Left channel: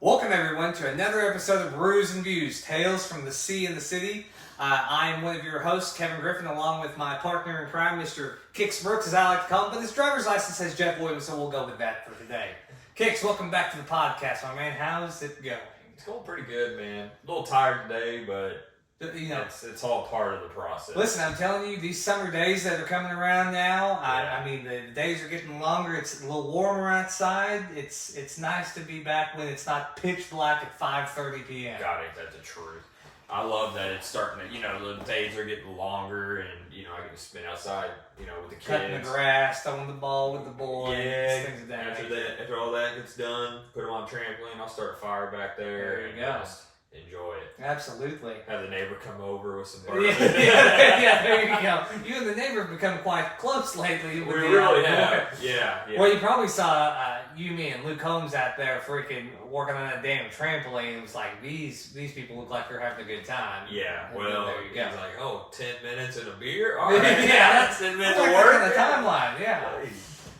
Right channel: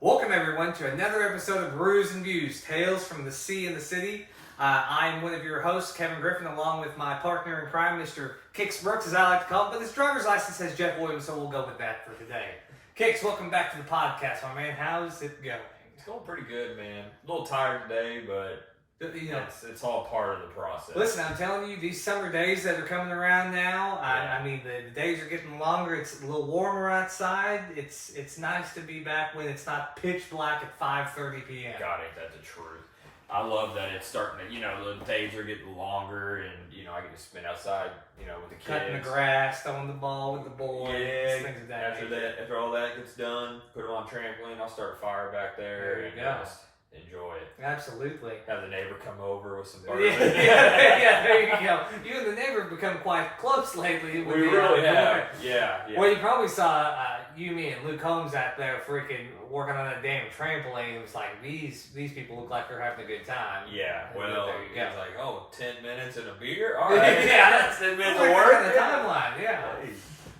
Welcome everyone to another episode of Brews Views, Tales from the Sea and the City. I'm one of your hosts, Kevin Griffin, along with my partner in crime, Mr. Kix Brooks, as I like to call him, but his driver's license says Jeff Williams, so we'll go with that for today. Kix, welcome back to the podcast, my man. How's it going? It's going pretty good, man. A little tired today, but you know, it's all part of the process. Listen, I'm telling you, these summer days that are coming around now, I mean, the days are getting longer. It's a little warmer outside. It's nice to be back when it's not pitch black at 5:30 p.m. God, ain't that the truth? I love that it's starting to, the days are getting longer, and, I get to spend outside, with the kids. Cutting the grass, throwing the ball with the boys, things of that nature. After all that gets done, put them on trampoline, I'll start a fire back there. There you go. Just enjoy it. Absolutely. Have the neighbor come over with some bourbon. Yeah, there you go. You and the neighbor have become quite close lately. We really have. Yeah. Well, you probably saw you, me, and Luke Holmes out there freaking working on that damn trampoline. It was like, these people look like they're having a good time. Yeah, well, there you go. He's like, 10 minutes and a beer? All right. Yeah, that's 10 minutes of work. On the timeline, yeah. Hey.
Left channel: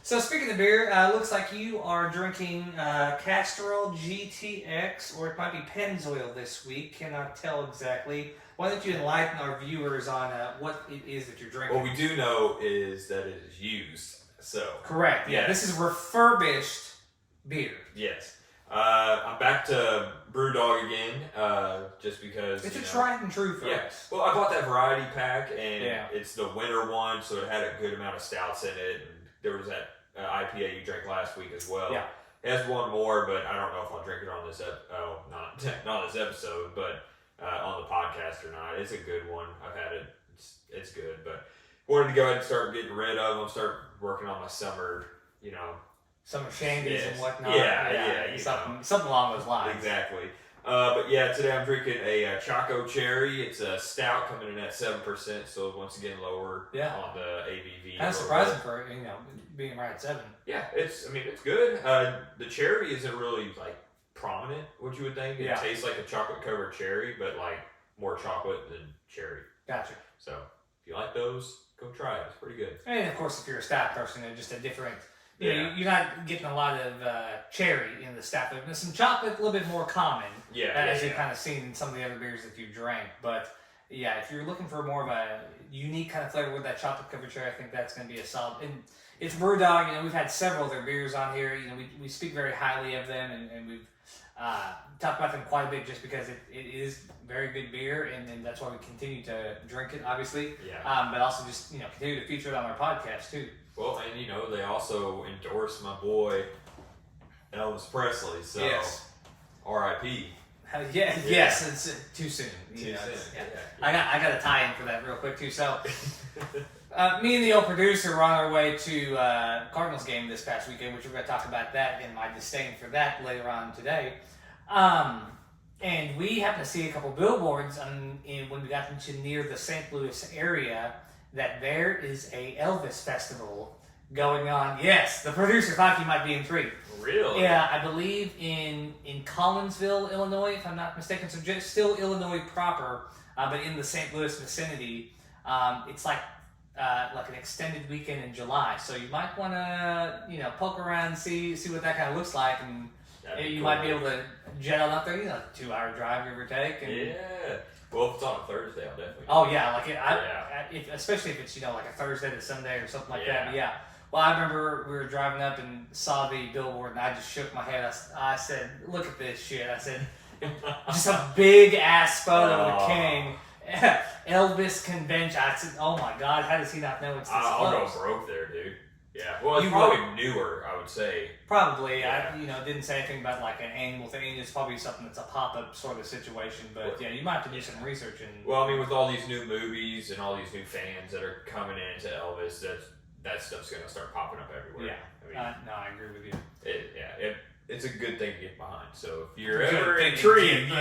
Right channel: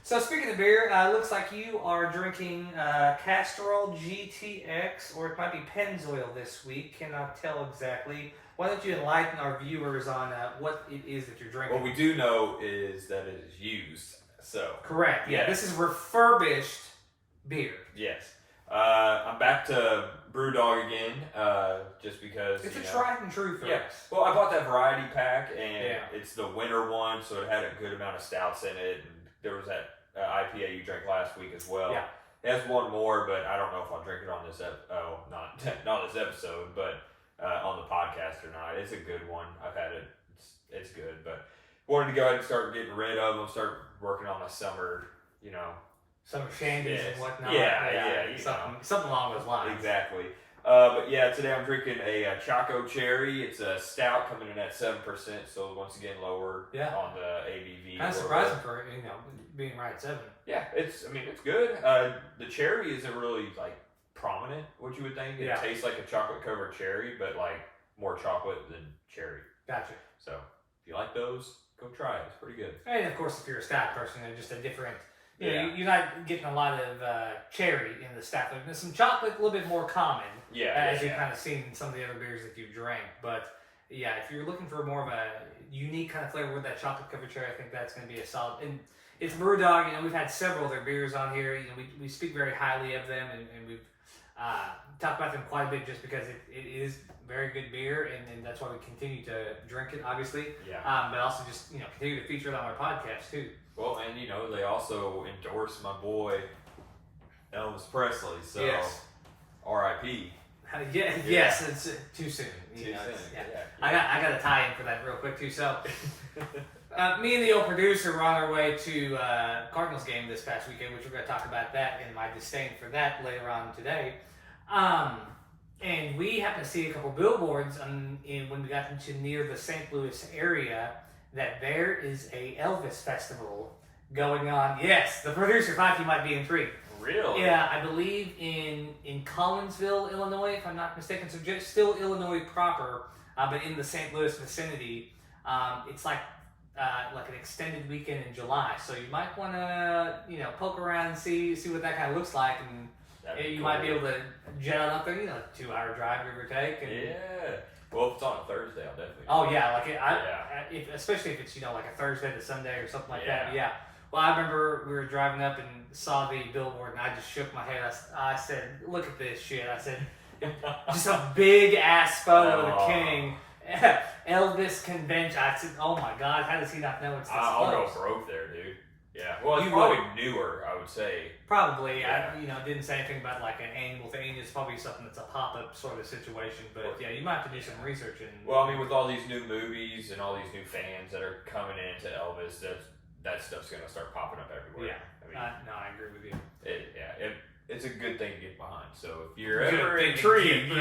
So speaking of beer, looks like you are drinking Castrol GTX, or it might be Pennzoil this week. Cannot tell exactly. Why don't you enlighten our viewers on what it is that you're drinking? What we do know is that it is used. So correct. Yeah, this is refurbished beer. Yes. I'm back to Brewdog again, just because it's a tried and true for us. Well, I bought that variety pack, and it's the winter one, so it had a good amount of stouts in it. And there was that IPA you drank last week as well. Yeah. It has one more, but I don't know if I'll drink it on this not this episode, but on the podcast or not. It's a good one. I've had it. It's good, but wanted to go ahead and start getting rid of them. Start working on my summer, summer shandies and whatnot. Yeah. Something along those lines. Exactly. But yeah, today I'm drinking a Choco Cherry. It's a stout coming in at 7%, so once again lower on the ABV. Kind of surprising for being right at 7. Yeah, it's good. The cherry isn't really prominent, what you would think. It tastes like a chocolate covered cherry, but more chocolate than cherry. Gotcha. So if you like those, go try it. It's pretty good. And of course, if you're a stout person, it's just a different. You're not getting a lot of cherry in the stout. There's some chocolate, a little bit more common. As you've kind of seen in some of the other beers that you drank. But yeah, if you're looking for more of a unique kind of flavor with that chocolate covered cherry, I think that's going to be a solid. And it's Brewdog. We've had several of their beers on here. We speak very highly of them, and we've talked about them quite a bit just because it is very good beer, and that's why we continue to drink it, obviously. Yeah. But also just continue to feature it on our podcast too. Well, and they also endorse my boy Elvis Presley. So R.I.P. Yes, it's too soon. Too soon. I got a tie-in for that real quick too. So, me and the old producer were on our way to Cardinals game this past weekend, which we're going to talk about that and my disdain for that later on today. And we happened to see a couple billboards when we got into near the St. Louis area that there is a Elvis festival going on. Yes, the producer thought you might be intrigued. Really? Yeah, I believe in Collinsville, Illinois, if I'm not mistaken. So just still Illinois proper, but in the St. Louis vicinity. It's like an extended weekend in July. So you might want to poke around and see what that kind of looks like, and you might be able to jet on up there. 2-hour drive, give or take. And, well, if it's on a Thursday, I'll definitely. Oh yeah, especially if it's like a Thursday to Sunday or something like that. But yeah. Well, I remember we were driving up and saw the billboard, and I just shook my head. I said, "Look at this shit!" I said, "Just a big ass photo of the king." Elvis convention. I said, "Oh my God, how does he not know it's this I'll close?" go broke there, dude. Yeah. Well, it's probably newer, I would say. Probably. Yeah. I didn't say anything about an annual thing. It's probably something that's a pop-up sort of situation. But you might have to do some research. Well, with all these new movies and all these new fans that are coming into Elvis, that stuff's going to start popping up everywhere. Yeah. No, I agree with you. It's a good thing to get behind. So if you're ever intrigued,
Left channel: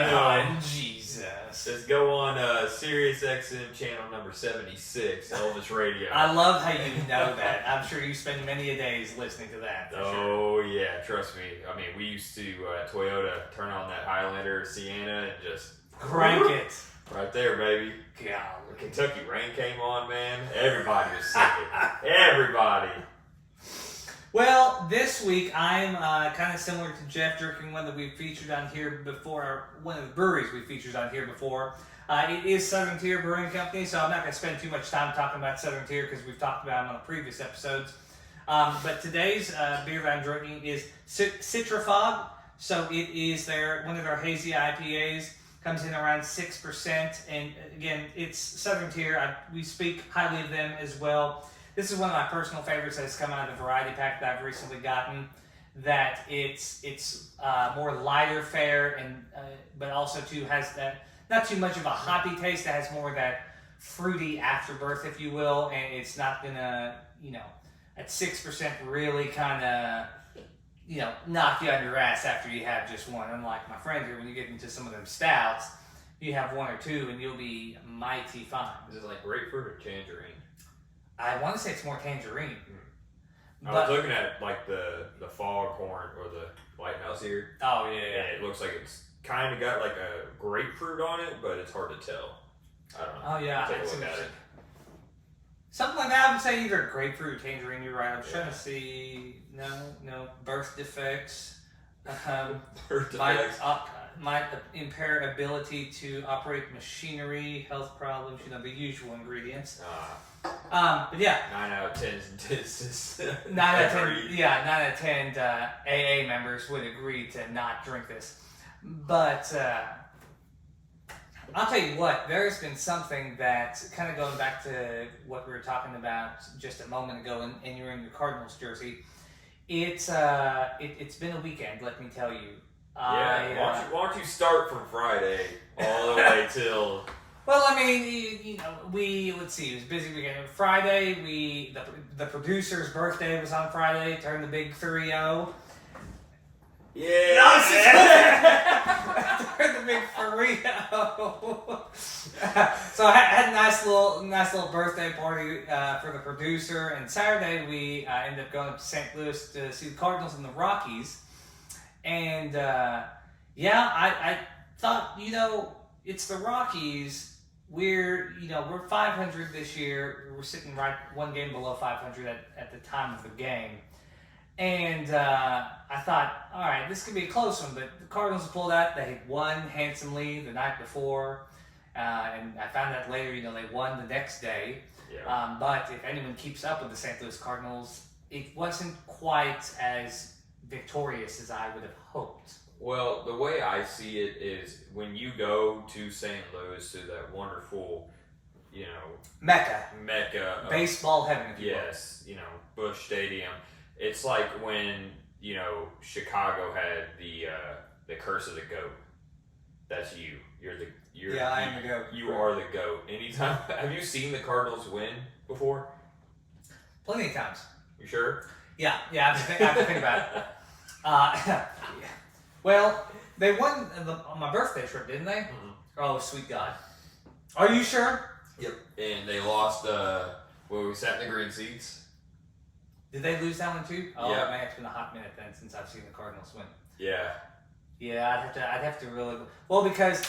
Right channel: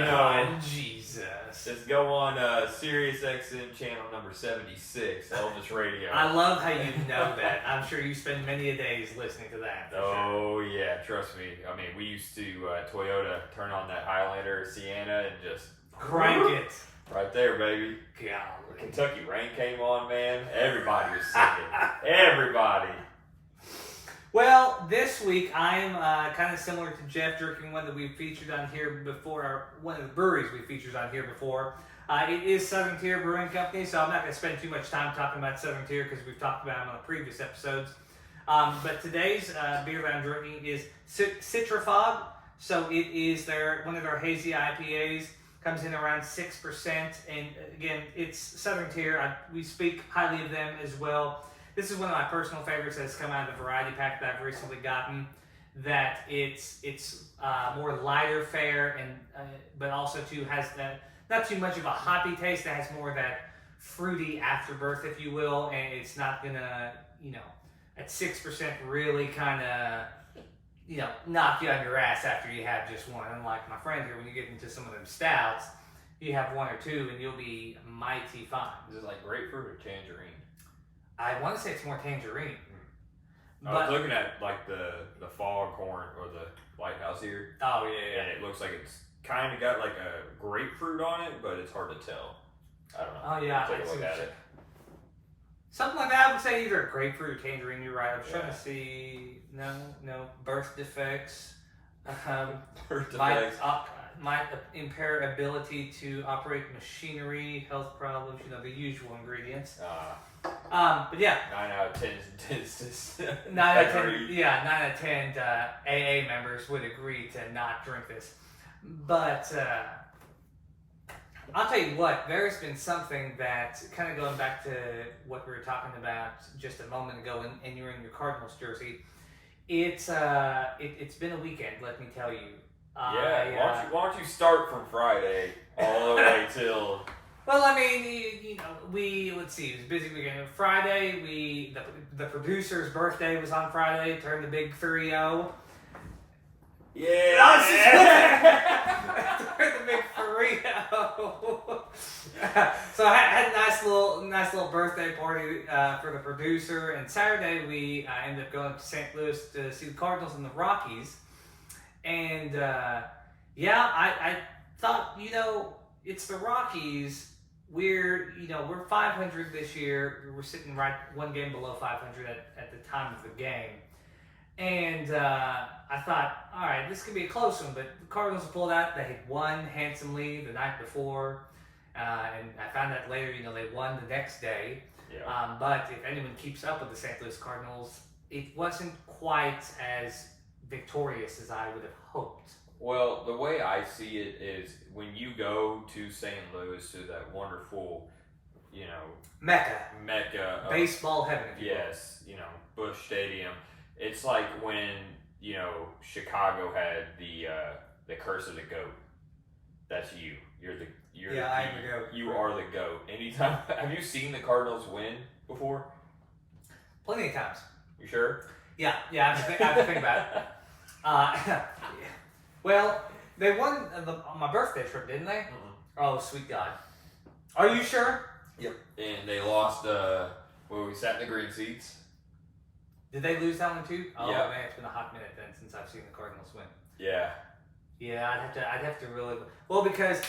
Jesus, just go on Sirius XM channel number 76, Elvis Radio. I love how you know that. I'm sure you spend many a days listening to that. Yeah, trust me. We used to Toyota turn on that Highlander Sienna and just crank it. Right there, baby. God, Kentucky Rain came on, man. Everybody was singing. Everybody. Well, this week I'm kind of similar to Jeff, drinking one that we've featured on here before, or one of the breweries we've featured on here before. It is Southern Tier Brewing Company, so I'm not going to spend too much time talking about Southern Tier because we've talked about them on the previous episodes. But today's beer that I'm drinking is Citra Fog. So it is one of their hazy IPAs. Comes in around 6%, and again, it's Southern Tier. We speak highly of them as well. This is one of my personal favorites that has come out of the variety pack that I've recently gotten. That it's more lighter fare, and but also too has that not too much of a hoppy taste. That has more of that fruity afterbirth, if you will, and it's not gonna at 6% really kind of knock you on your ass after you have just one. Unlike my friend here, when you get into some of them stouts, you have one or two and you'll be mighty fine. Is it like grapefruit or tangerine? I want to say it's more tangerine. I was looking at like the foghorn or the lighthouse here. Oh yeah. And it looks like it's kind of got like a grapefruit on it, but it's hard to tell. I don't know. Oh yeah. Take a look at it. Something like that. I would say either grapefruit or tangerine. You're right. I'm trying to see. No birth defects. Birth defects. My impaired ability to operate machinery, health problems. The usual ingredients. But yeah. 9 out of 10 is 9 out of 10. Yeah, 9 out of 10 AA members would agree to not drink this. But I'll tell you what, there's been something that, kind of going back to what we were talking about just a moment ago, and you're in your Cardinals jersey. It's been a weekend, let me tell you. Yeah, why don't you start from Friday all the way till... Well, I mean, let's see, it was a busy weekend. Friday, the producer's birthday was on Friday, turned the big 3-0. Yeah. The big 3-0. So I had a nice little birthday party for the producer. And Saturday we ended up going to St. Louis to see the Cardinals and the Rockies. And I thought, it's the Rockies. We're 500 this year. We're sitting right one game below 500 at the time of the game. And I thought, all right, this could be a close one, but the Cardinals pulled out. They had won handsomely the night before, and I found out later, they won the next day. Yeah. But if anyone keeps up with the St. Louis Cardinals, it wasn't quite as victorious as I would have hoped. Well, the way I see it is when you go to St. Louis, to that wonderful, Mecca, baseball heaven. Yes, Busch Stadium. It's like when Chicago had the curse of the goat. That's you. I am the goat. You are the goat. Anytime. Have you seen the Cardinals win before? Plenty of times. You sure? Yeah. I have to think about it. Well, they won on my birthday trip, didn't they? Mm-hmm. Oh, sweet God. Are you sure? Yep. And they lost. We sat in the green seats. Did they lose that one too? Oh, yeah. Man, it's been a hot minute then since I've seen the Cardinals win. Yeah. Yeah, I'd have to really because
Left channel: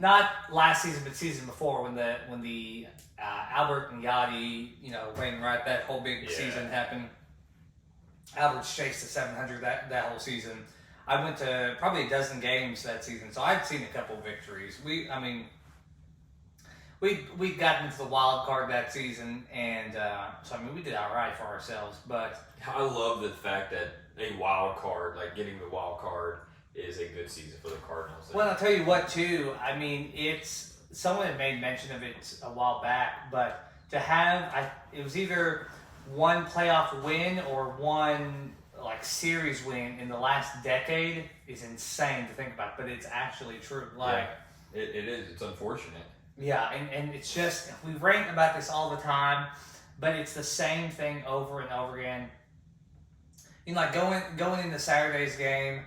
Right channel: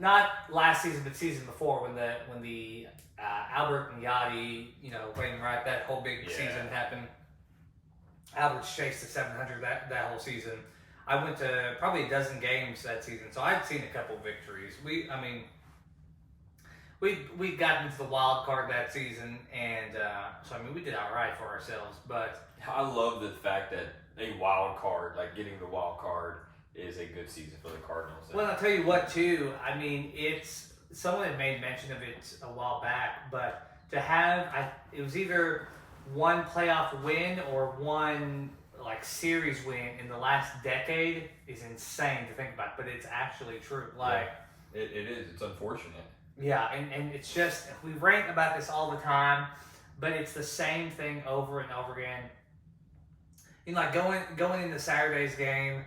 not last season but season before when the Albert and Yachty Wayne Wright, that whole big season happened. Albert's chased to 700 that whole season. I went to probably a dozen games that season, so I'd seen a couple victories. We got into the wild card that season, and so we did all right for ourselves. But I love the fact that a wild card, like getting the wild card, is a good season for the Cardinals. Well, I'll tell you what too. It's someone had made mention of it a while back, but to have it was either one playoff win or one series win in the last decade is insane to think about, but it's actually true. It is. It's unfortunate. Yeah, and it's just, we rant about this all the time, but it's the same thing over and over again. Going into Saturday's game,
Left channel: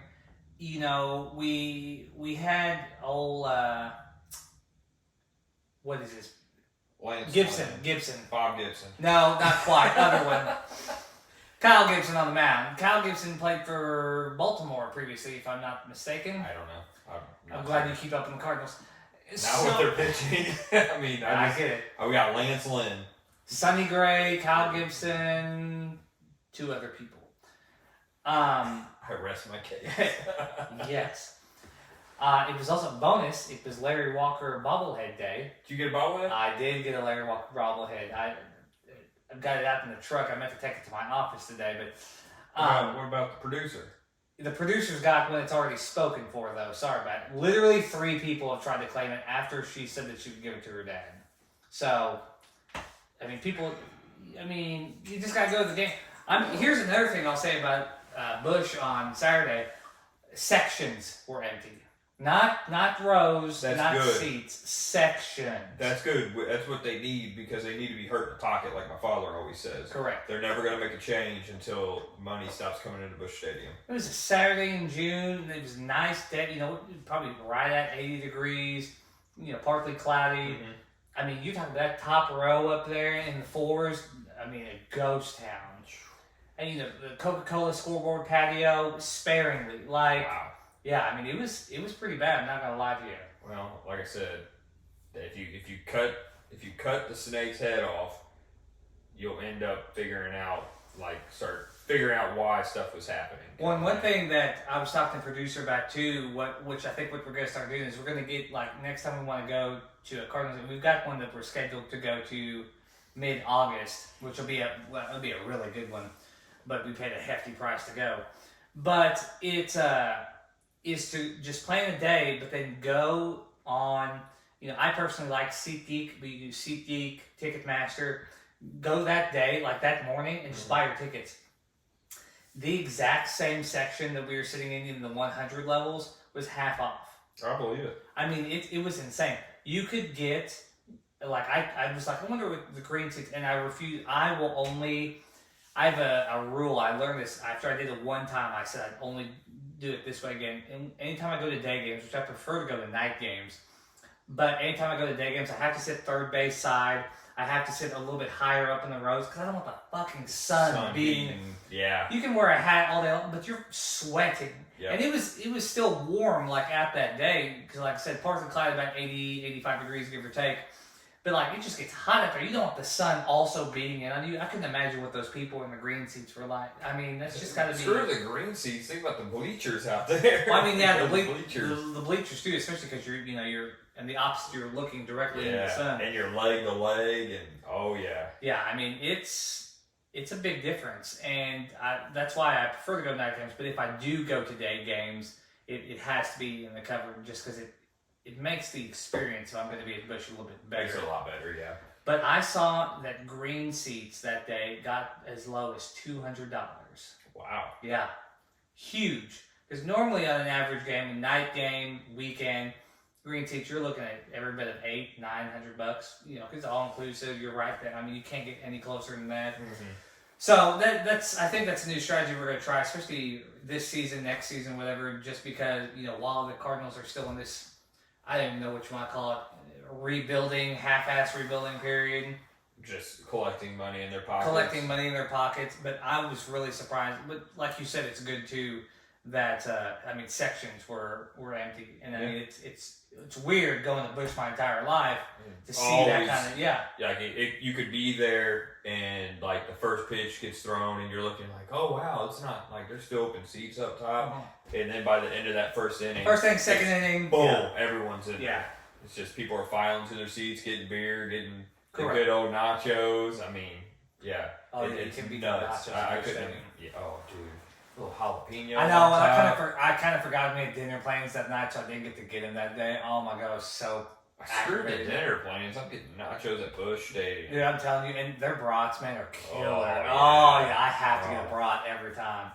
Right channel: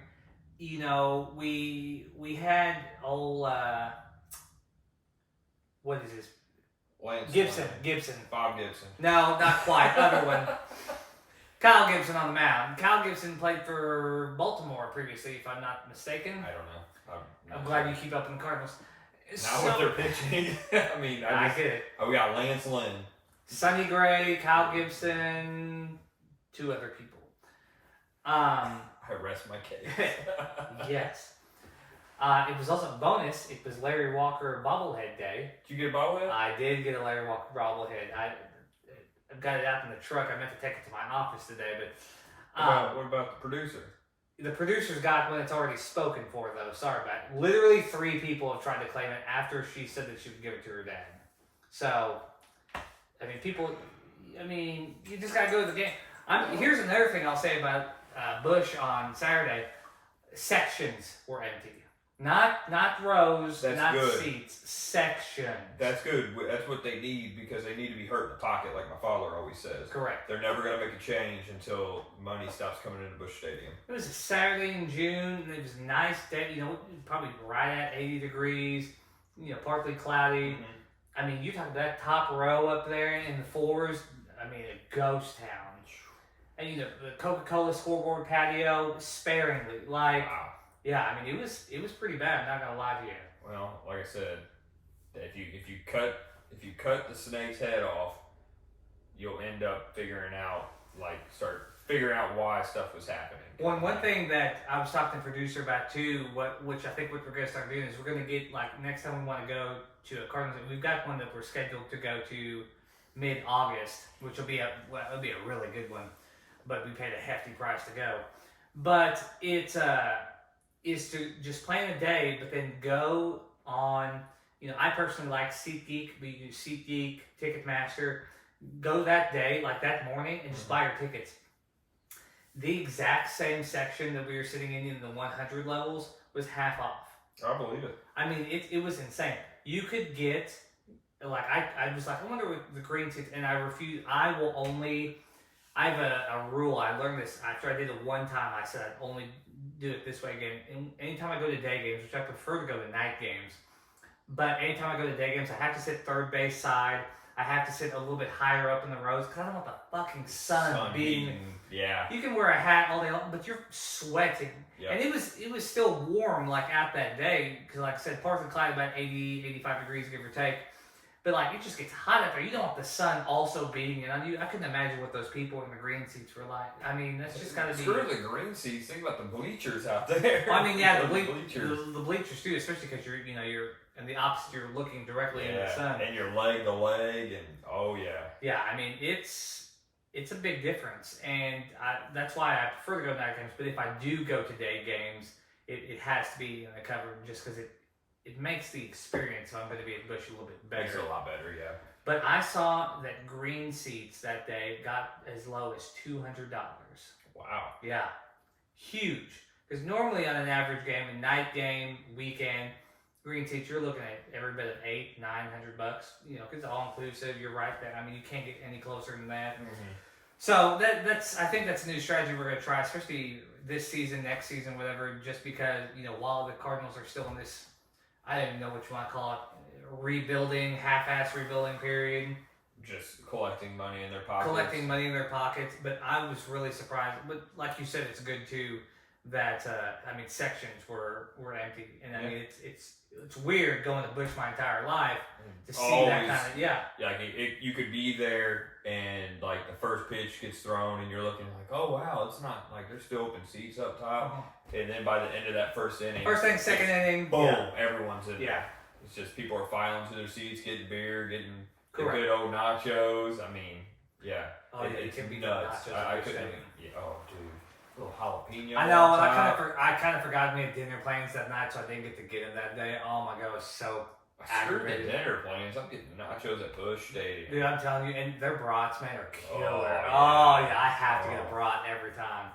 we had old what is this? Gibson. Bob Gibson. No, not quite. Other one. Kyle Gibson on the mound. Kyle Gibson played for Baltimore previously, if I'm not mistaken. I don't know. I'm glad you keep up in the Cardinals. Now with their pitching, I get it. We got Lance Lynn, Sonny Gray, Kyle Gibson, two other people. I rest my case. Yes. It was also a bonus. It was Larry Walker bobblehead day. Did you get a bobblehead? I did get a Larry Walker bobblehead. I've got it out in the truck. I meant to take it to my office today, but what about the producer? The producer's got one that's already spoken for, though. Sorry about it. Literally 3 people have tried to claim it after she said that she would give it to her dad. So, I mean, you just got to go with the game. Here's another thing I'll say about Busch on Saturday. Sections were empty. Not rows, That's not good. seats, sections. That's good. That's what they need because they need to be hurt in the pocket, like my father always says. Correct. They're never going to make a change until money stops coming into Busch Stadium. It was a Saturday in June, and it was a nice day, probably right at 80 degrees, partly cloudy. Mm-hmm. I mean, you talk about that top row up there in the floors, a ghost town. And, the Coca-Cola scoreboard patio, sparingly. Wow. Yeah, I mean, it was pretty bad. I'm not gonna lie to you. Well, like I said, if you cut the snake's head off, you'll end up start figuring out why stuff was happening. One thing that I was talking to the producer about too, which I think what we're gonna start doing is we're gonna get next time we want to go to a Cardinals. We've got one that we're scheduled to go to mid-August, which will be a really good one, but we paid a hefty price to go. But it's is to just plan a day, but then go on, I personally like SeatGeek, but you use SeatGeek, Ticketmaster, go that day, that morning, and just buy your tickets. The exact same section that we were sitting in the 100 levels was half off. I believe it. I mean, it was insane. You could get, I was like, I wonder what the green seats, and I refuse, I have a rule. I learned this after I did it one time. I said I'd only do it this way again. And anytime I go to day games, which I prefer to go to night games, but anytime I go to day games, I have to sit third base side. I have to sit a little bit higher up in the rows because I don't want the fucking sun beating. Yeah. You can wear a hat all day long, but you're sweating. Yep. And it was still warm out that day because, like I said, partly cloudy, about 80, 85 degrees, give or take. But it just gets hot up there. You don't want the sun also beating in on you. I couldn't imagine what those people in the green seats were like. I mean, that's just got to be. Screw the green seats. Think about the bleachers out there. Well, I mean, yeah, the bleachers too, especially because you're in the opposite. You're looking directly into the sun, and you're leg to leg, and oh yeah. Yeah, I mean it's a big difference, and that's why I prefer to go to night games. But if I do go to day games, it has to be in the cover just because it makes the experience, if I'm going to be at Busch, a little bit better. Makes it a lot better, yeah. But I saw that green seats that day got as low as $200. Wow. Yeah. Huge. Because normally on an average game, a night game, weekend, green seats, you're looking at every bit of $800-900. Because all inclusive, you're right there. I mean, you can't get any closer than that. Mm-hmm. So I think that's a new strategy we're going to try, especially this season, next season, whatever, just because, while the Cardinals are still in this, I don't even know what you want to call it, half-ass rebuilding period. Just collecting money in their pockets. But I was really surprised. But like you said, it's good too that sections were empty, and I mean it's weird going to Busch my entire life to see that kind of you could be there and the first pitch gets thrown and you're looking oh wow, it's not there's still open seats up top. Uh-huh. And then by the end of that first inning, second inning, boom, everyone's in there. It's just people are filing to their seats, getting beer, getting the good old nachos. I mean, yeah. Oh, it can be nuts. I couldn't. Yeah, oh, dude. A little jalapeno. I know, and I kind of forgot we had dinner plans that night, so I didn't get to get him that day. Oh my god, I was so aggravated. The dinner plans. I'm getting nachos at Busch Stadium. Dude, I'm telling you, and their brats, man, are killer. Oh yeah, I have to get a brat every time.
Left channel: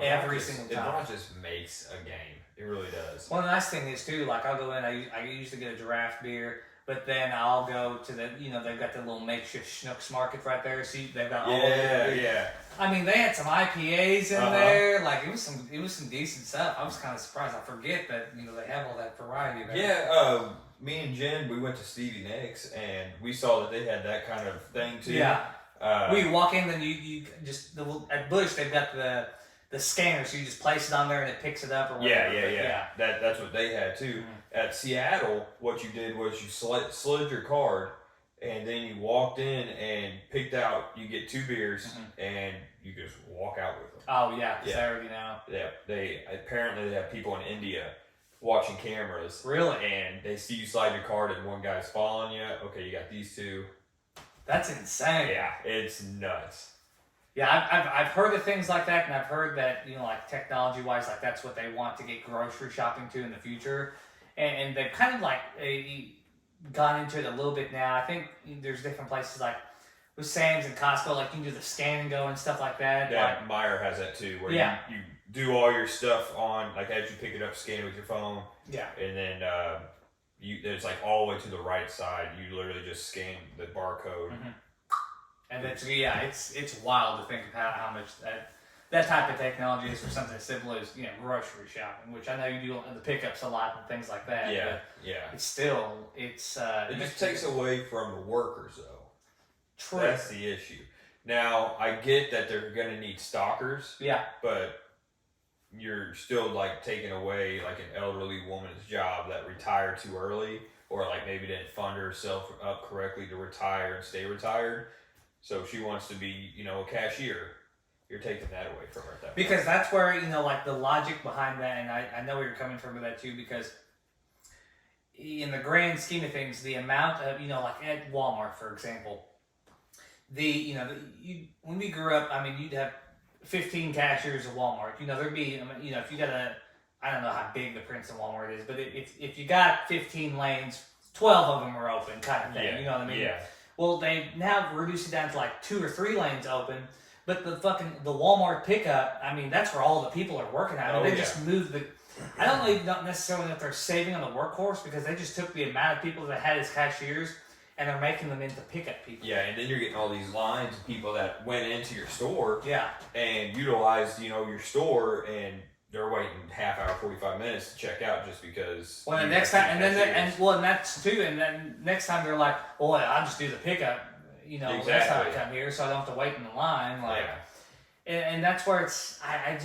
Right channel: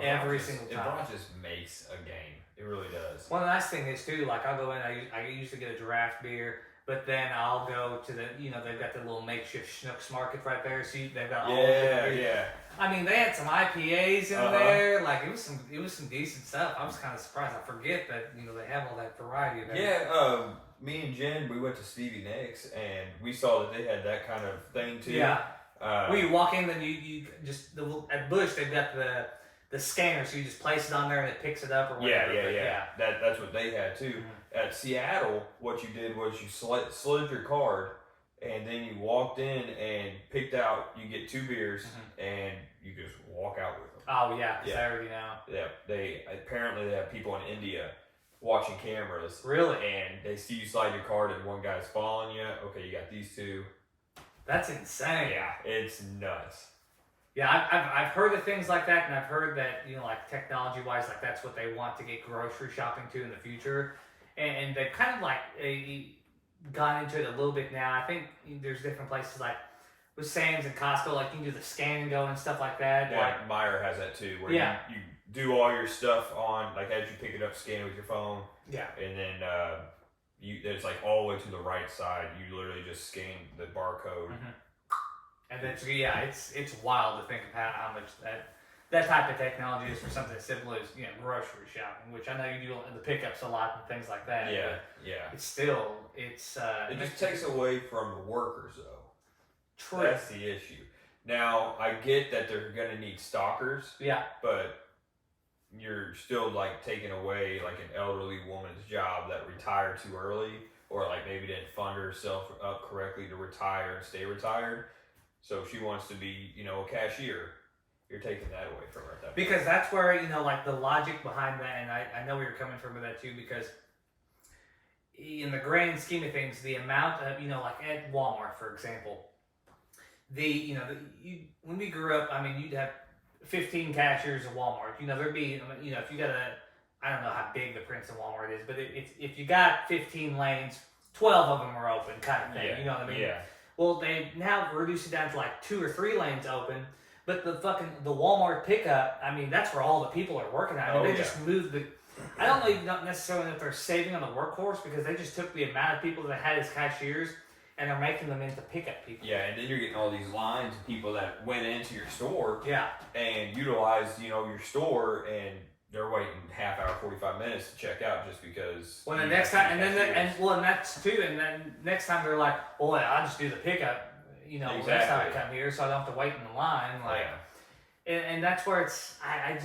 Every single time. The brat just makes a game. It really does. Well, the nice thing is too, I'll go in. I usually get a draft beer. But then I'll go to they've got the little makeshift Schnucks market right there. So they've got all yeah. I mean, they had some IPAs in there. It was some decent stuff. I was kind of surprised. I forget that they have all that variety there. Yeah. Me and Jen, we went to Stevie Nicks and we saw that they had that kind of thing too. Yeah. You walk in, then you just at Busch they've got the scanner, so you just place it on there and it picks it up or whatever. Yeah. That's what they had too. Mm-hmm. At Seattle, what you did was you slid your card, and then you walked in and picked out. You get 2 beers, mm-hmm. and you can just walk out with them. Oh yeah, because I already know. Yeah, they have people in India watching cameras. Really? And they see you slide your card and one guy's following you. Okay, you got these two. That's insane. Yeah, it's nuts. Yeah, I've heard of things like that, and I've heard that, like technology-wise, like that's what they want to get grocery shopping to in the future. And they've kind of like gone into it a little bit now. I think there's different places like with Sam's and Costco, like you can do the scan and go and stuff like that. Yeah, like, Meijer has that too, where you do all your stuff on, like as you pick it up, scan it with your phone. Yeah. And then there's like all the way to the right side, you literally just scan the barcode. Mm-hmm. And that's, it's wild to think of how much that type of technology is for something as simple as, grocery shopping, which I know you do the pickups a lot and things like that. Yeah, yeah. It's still, it just takes away from the workers, though. True. That's the issue. Now, I get that they're going to need stalkers. Yeah. But you're still, like, taking away, like, an elderly woman's job that retired too early, or, like, maybe didn't fund herself up correctly to retire and stay retired. So if she wants to be, a cashier, you're taking that away from her at that point. Because that's where, like, the logic behind that, and I know where you're coming from with that, too, because in the grand scheme of things, the amount of, like at Walmart, for example, when we grew up, I mean, you'd have 15 cashiers at Walmart. There'd be, if you got I don't know how big the Princeton Walmart is, but if you got 15 lanes, 12 of them were open, kind of thing. Yeah. You know what I mean? Yeah. Well, they now reduced it down to like 2 or 3 lanes open, but the Walmart pickup, I mean, that's where all the people are working at. I mean, they just moved I don't know, not necessarily that they're saving on the workforce, because they just took the amount of people that had as cashiers and they're making them into pickup people. Yeah, and then you're getting all these lines of people that went into your store and utilized, your store, and they're waiting half hour, 45 minutes to check out just because. Well, next time, and that's too, and then next time they're like, well, I'll just do the pickup, next time I come here, so I don't have to wait in the line, like. Yeah. And that's where it's, I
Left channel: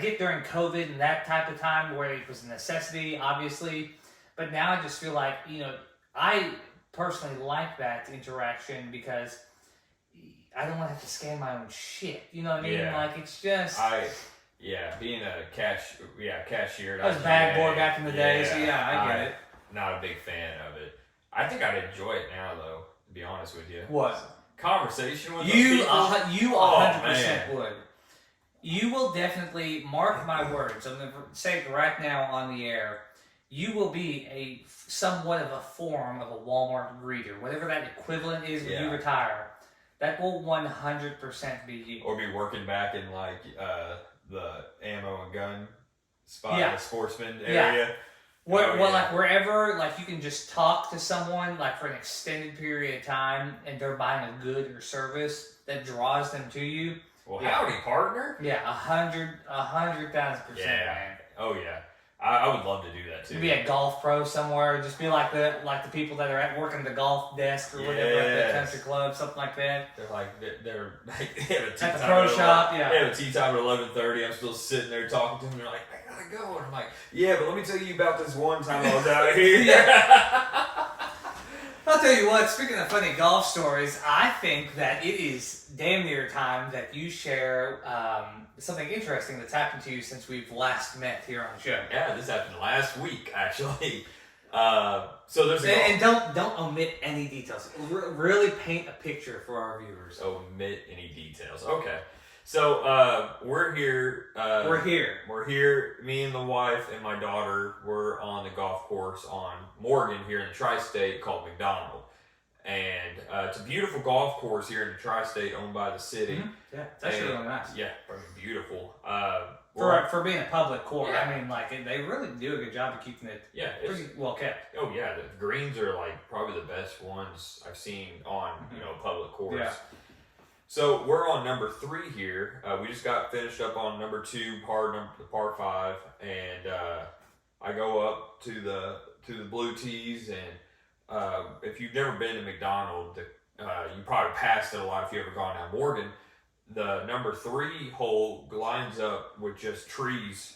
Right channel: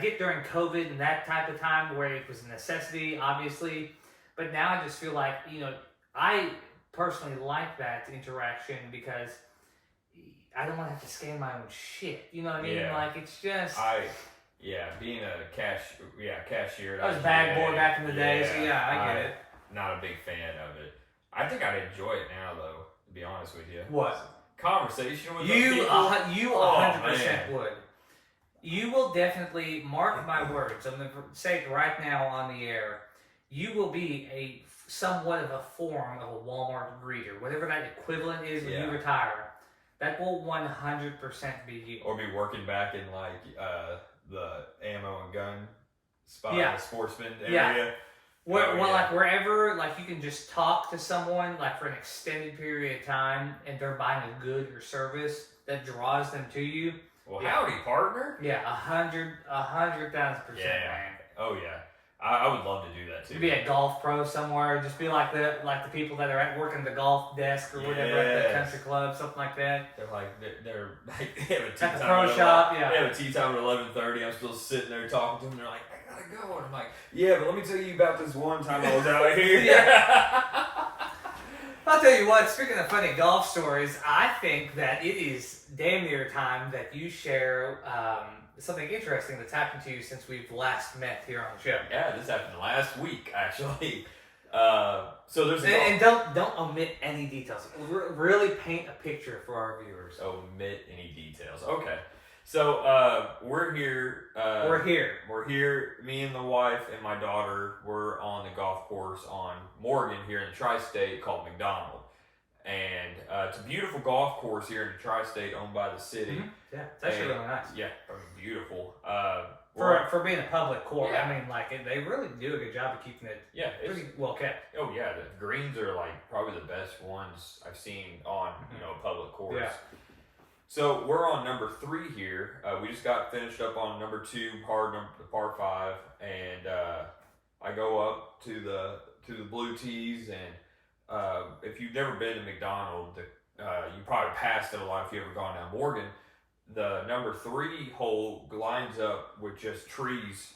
get during COVID and that type of time where it was a necessity, obviously, but now I just feel like, I personally like that interaction because I don't want to have to scan my own shit. You know what I mean? Yeah. Like, it's just... being a cashier. I was a bag boy back in the day, so I get it. Not a big fan of it. I think I'd enjoy it now, though, to be honest with you. What? Conversation with you. You 100% man. would. You will definitely, mark my words, I'm going to say it right now on the air, you will be somewhat of a form of a Walmart greeter, whatever that equivalent is when you retire. That will 100% be you. Or be working back in like the ammo and gun spot, the sportsman area. Like wherever, like you can just talk to someone like for an extended period of time, and they're buying a good or service that draws them to you. Well, howdy, partner. Yeah, 100,000%, man. Oh yeah. I would love to do that too. Be a golf pro somewhere, just be like the people that are at working the golf desk or whatever at the country club, something like that. They have a tea at the time pro shop. They have a tea time at 11:30. I'm still sitting there talking to them. They're like, I gotta go, and I'm like, yeah, but let me tell you about this one time I was out here. I'll tell you what, speaking of funny golf stories, I think that it is damn near time that you share something interesting that's happened to you since we've last met here on the show. Yeah, this happened last week, actually. So there's and don't omit any details. Really paint a picture for our viewers. Omit any details. Okay. So we're here. We're here. Me and the wife and my daughter were on the golf course on Morgan here in the Tri-State called McDonald. And it's a beautiful golf course here in the Tri-State owned by the city. Mm-hmm. Yeah, it's actually really nice. Yeah, beautiful. For being a public course, I mean, like they really do a good job of keeping it pretty well kept. Oh yeah, the greens are like probably the best ones I've seen on a public course. Yeah. So we're on number 3 here. We just got finished up on number 2, the par 5, and I go up to the blue tees, and if you've never been to McDonald, you probably passed it a lot if you ever gone down Morgan. The number 3 hole lines up with just trees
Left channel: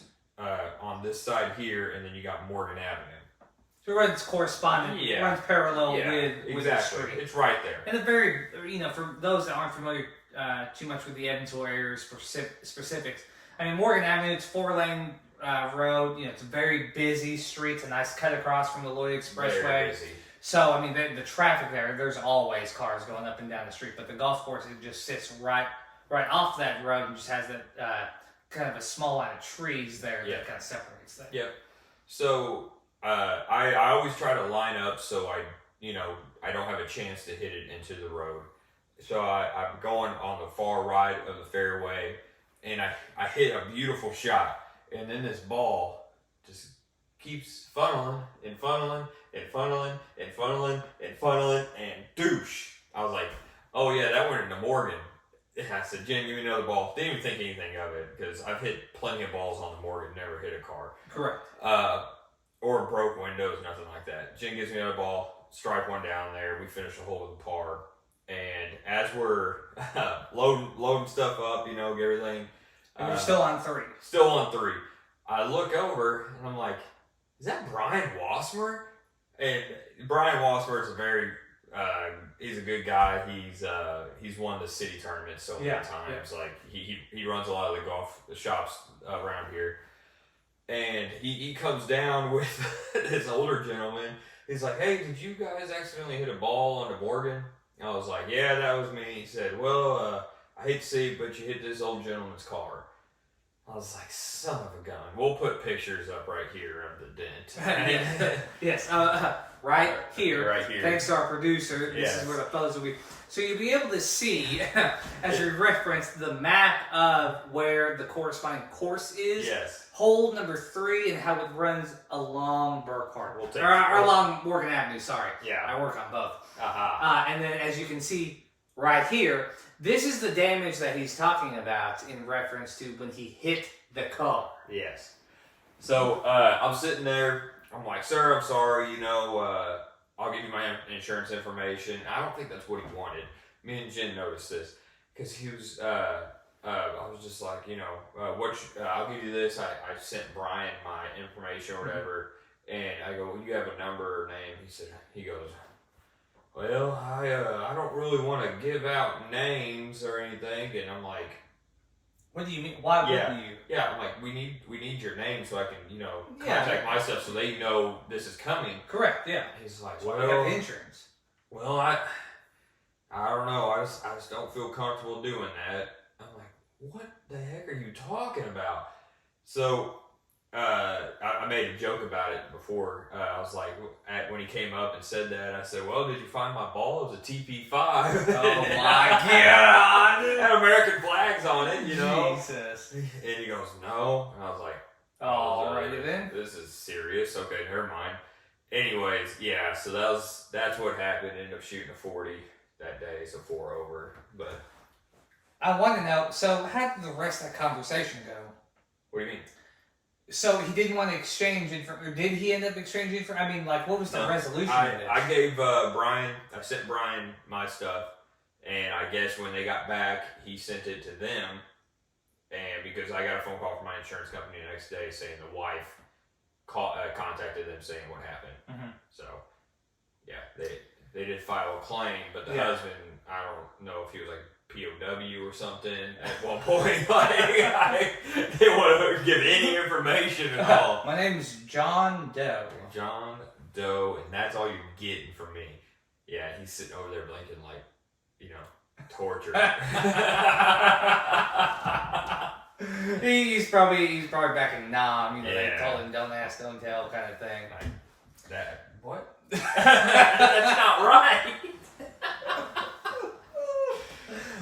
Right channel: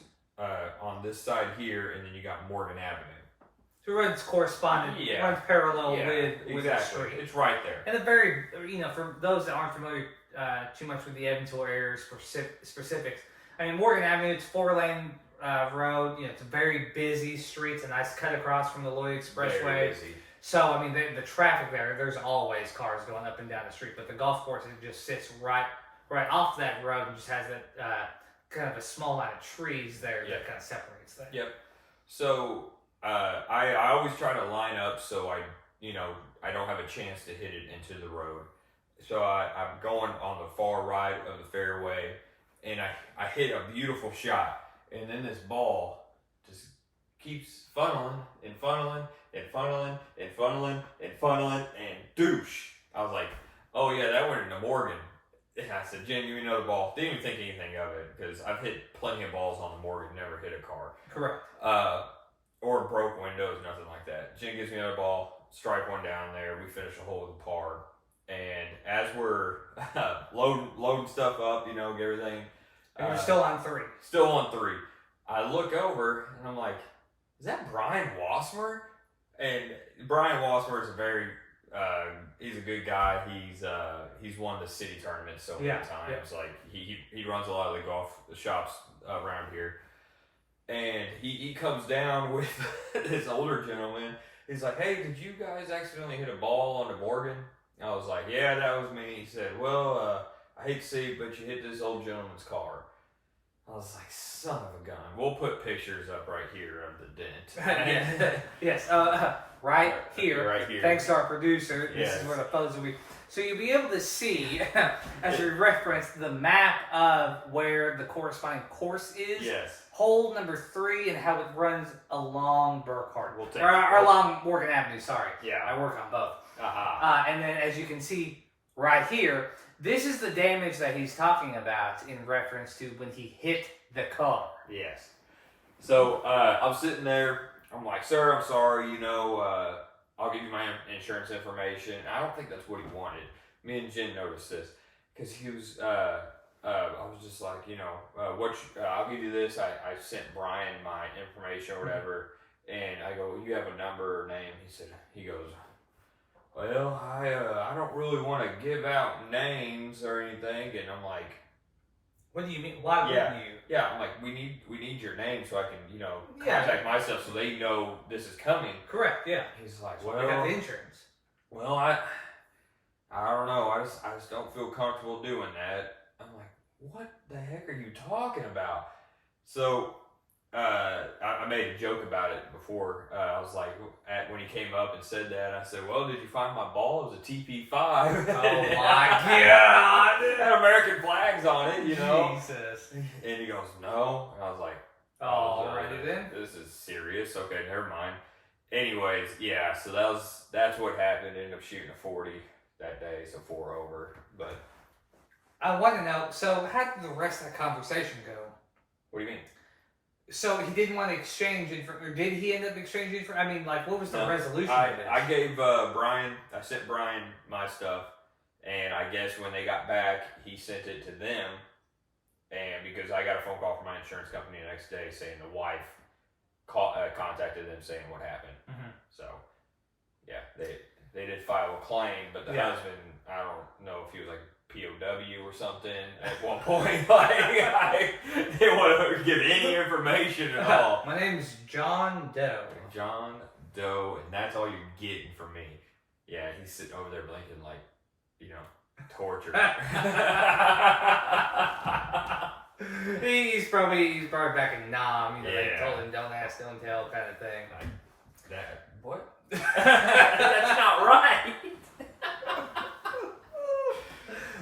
on this side here, and then you got Morgan Avenue. So it runs corresponding, runs parallel with the street. It's right there. And the very, for those that aren't familiar, too much with the Evansville area specifics. I mean, Morgan Avenue, it's 4-lane road. It's a very busy street. It's a nice cut across from the Lloyd Expressway. Very busy. So, I mean, the traffic there's always cars going up and down the street. But the golf course, it just sits right off that road and just has that kind of a small line of trees there that kind of separates that. Yep. So, I always try to line up so I don't have a chance to hit it into the road. So I'm going on the far right of the fairway, and I hit a beautiful shot, and then this ball just keeps funneling and funneling and funneling and funneling and funneling and douche. I was like, oh yeah, that went into Morgan. And I said, Jen, give me another ball. Didn't even think anything of it because I've hit plenty of balls on the Morgan, never hit a car. Correct. Or broke windows, nothing like that. Jen gives me another ball, strike one down there. We finish the hole with a par. And as we're loading stuff up, get everything. And you're still on 3. Still on 3. I look over and I'm like, is that Brian Wassmer? And Brian Wassmer is he's a good guy. He's won the city tournament so many times. Yeah. Like he runs a lot of the shops around here. And he comes down with this older gentleman. He's like, hey, did you guys accidentally hit a ball on the Morgan? I was like, yeah, that was me. He said, well, I hate to see it, but you hit this old gentleman's car. I was like, son of a gun. We'll put pictures up right here of the dent. Yes, right here. Right here. Thanks to our producer. This is where the photos will be. So you'll be able to see, as you referenced, the map of where the corresponding course is. Yes. Hole number 3 and how it runs along Burkhardt. Or along Morgan Avenue, sorry. Yeah. I work on both. Uh-huh. And then as you can see right here, this is the damage that he's talking about in reference to when he hit the car. Yes. So I'm sitting there. I'm like, sir, I'm sorry. I'll give you my insurance information. I don't think that's what he wanted. Me and Jen noticed this because he was. I was just like, I'll give you this. I sent Brian my information or whatever, and I go, well, you have a number or name? He goes, well, I don't really want to give out names or anything, and I'm like, what do you mean? Why wouldn't you? Yeah, I'm like, we need your name so I can, contact myself so they know this is coming. Correct. Yeah. He's like, well, I got the insurance. Well, I don't know. I just don't feel comfortable doing that. I'm like, what the heck are you talking about? So I made a joke about it before. I was like, when he came up and said that, I said, well, did you find my ball? It was a TP5. Oh my God. It had American flags on it, Jesus. And he goes, no. And I was like, oh, right then. This is serious. Okay, never mind. Anyways, yeah, so that's what happened. Ended up shooting a 40 that day, so 4 over. But I want to know, so how did the rest of that conversation go? What do you mean? So he didn't want to exchange information. Did he end up exchanging information? I mean, like, what was the resolution of it? I gave I sent Brian my stuff, and I guess when they got back, he sent it to them, and because I got a phone call from my insurance company the next day saying the wife contacted them saying what happened. Mm-hmm. So, yeah, they did file a claim, but the husband, I don't know if he was like POW or something at one point. Like, I didn't want to give any information at all. My name is John Doe. John Doe, and that's all you're getting from me. Yeah, he's sitting over there blinking like, torture. He's probably back in Nam. They told him don't ask, don't tell kind of thing. Like that. What? That's not right.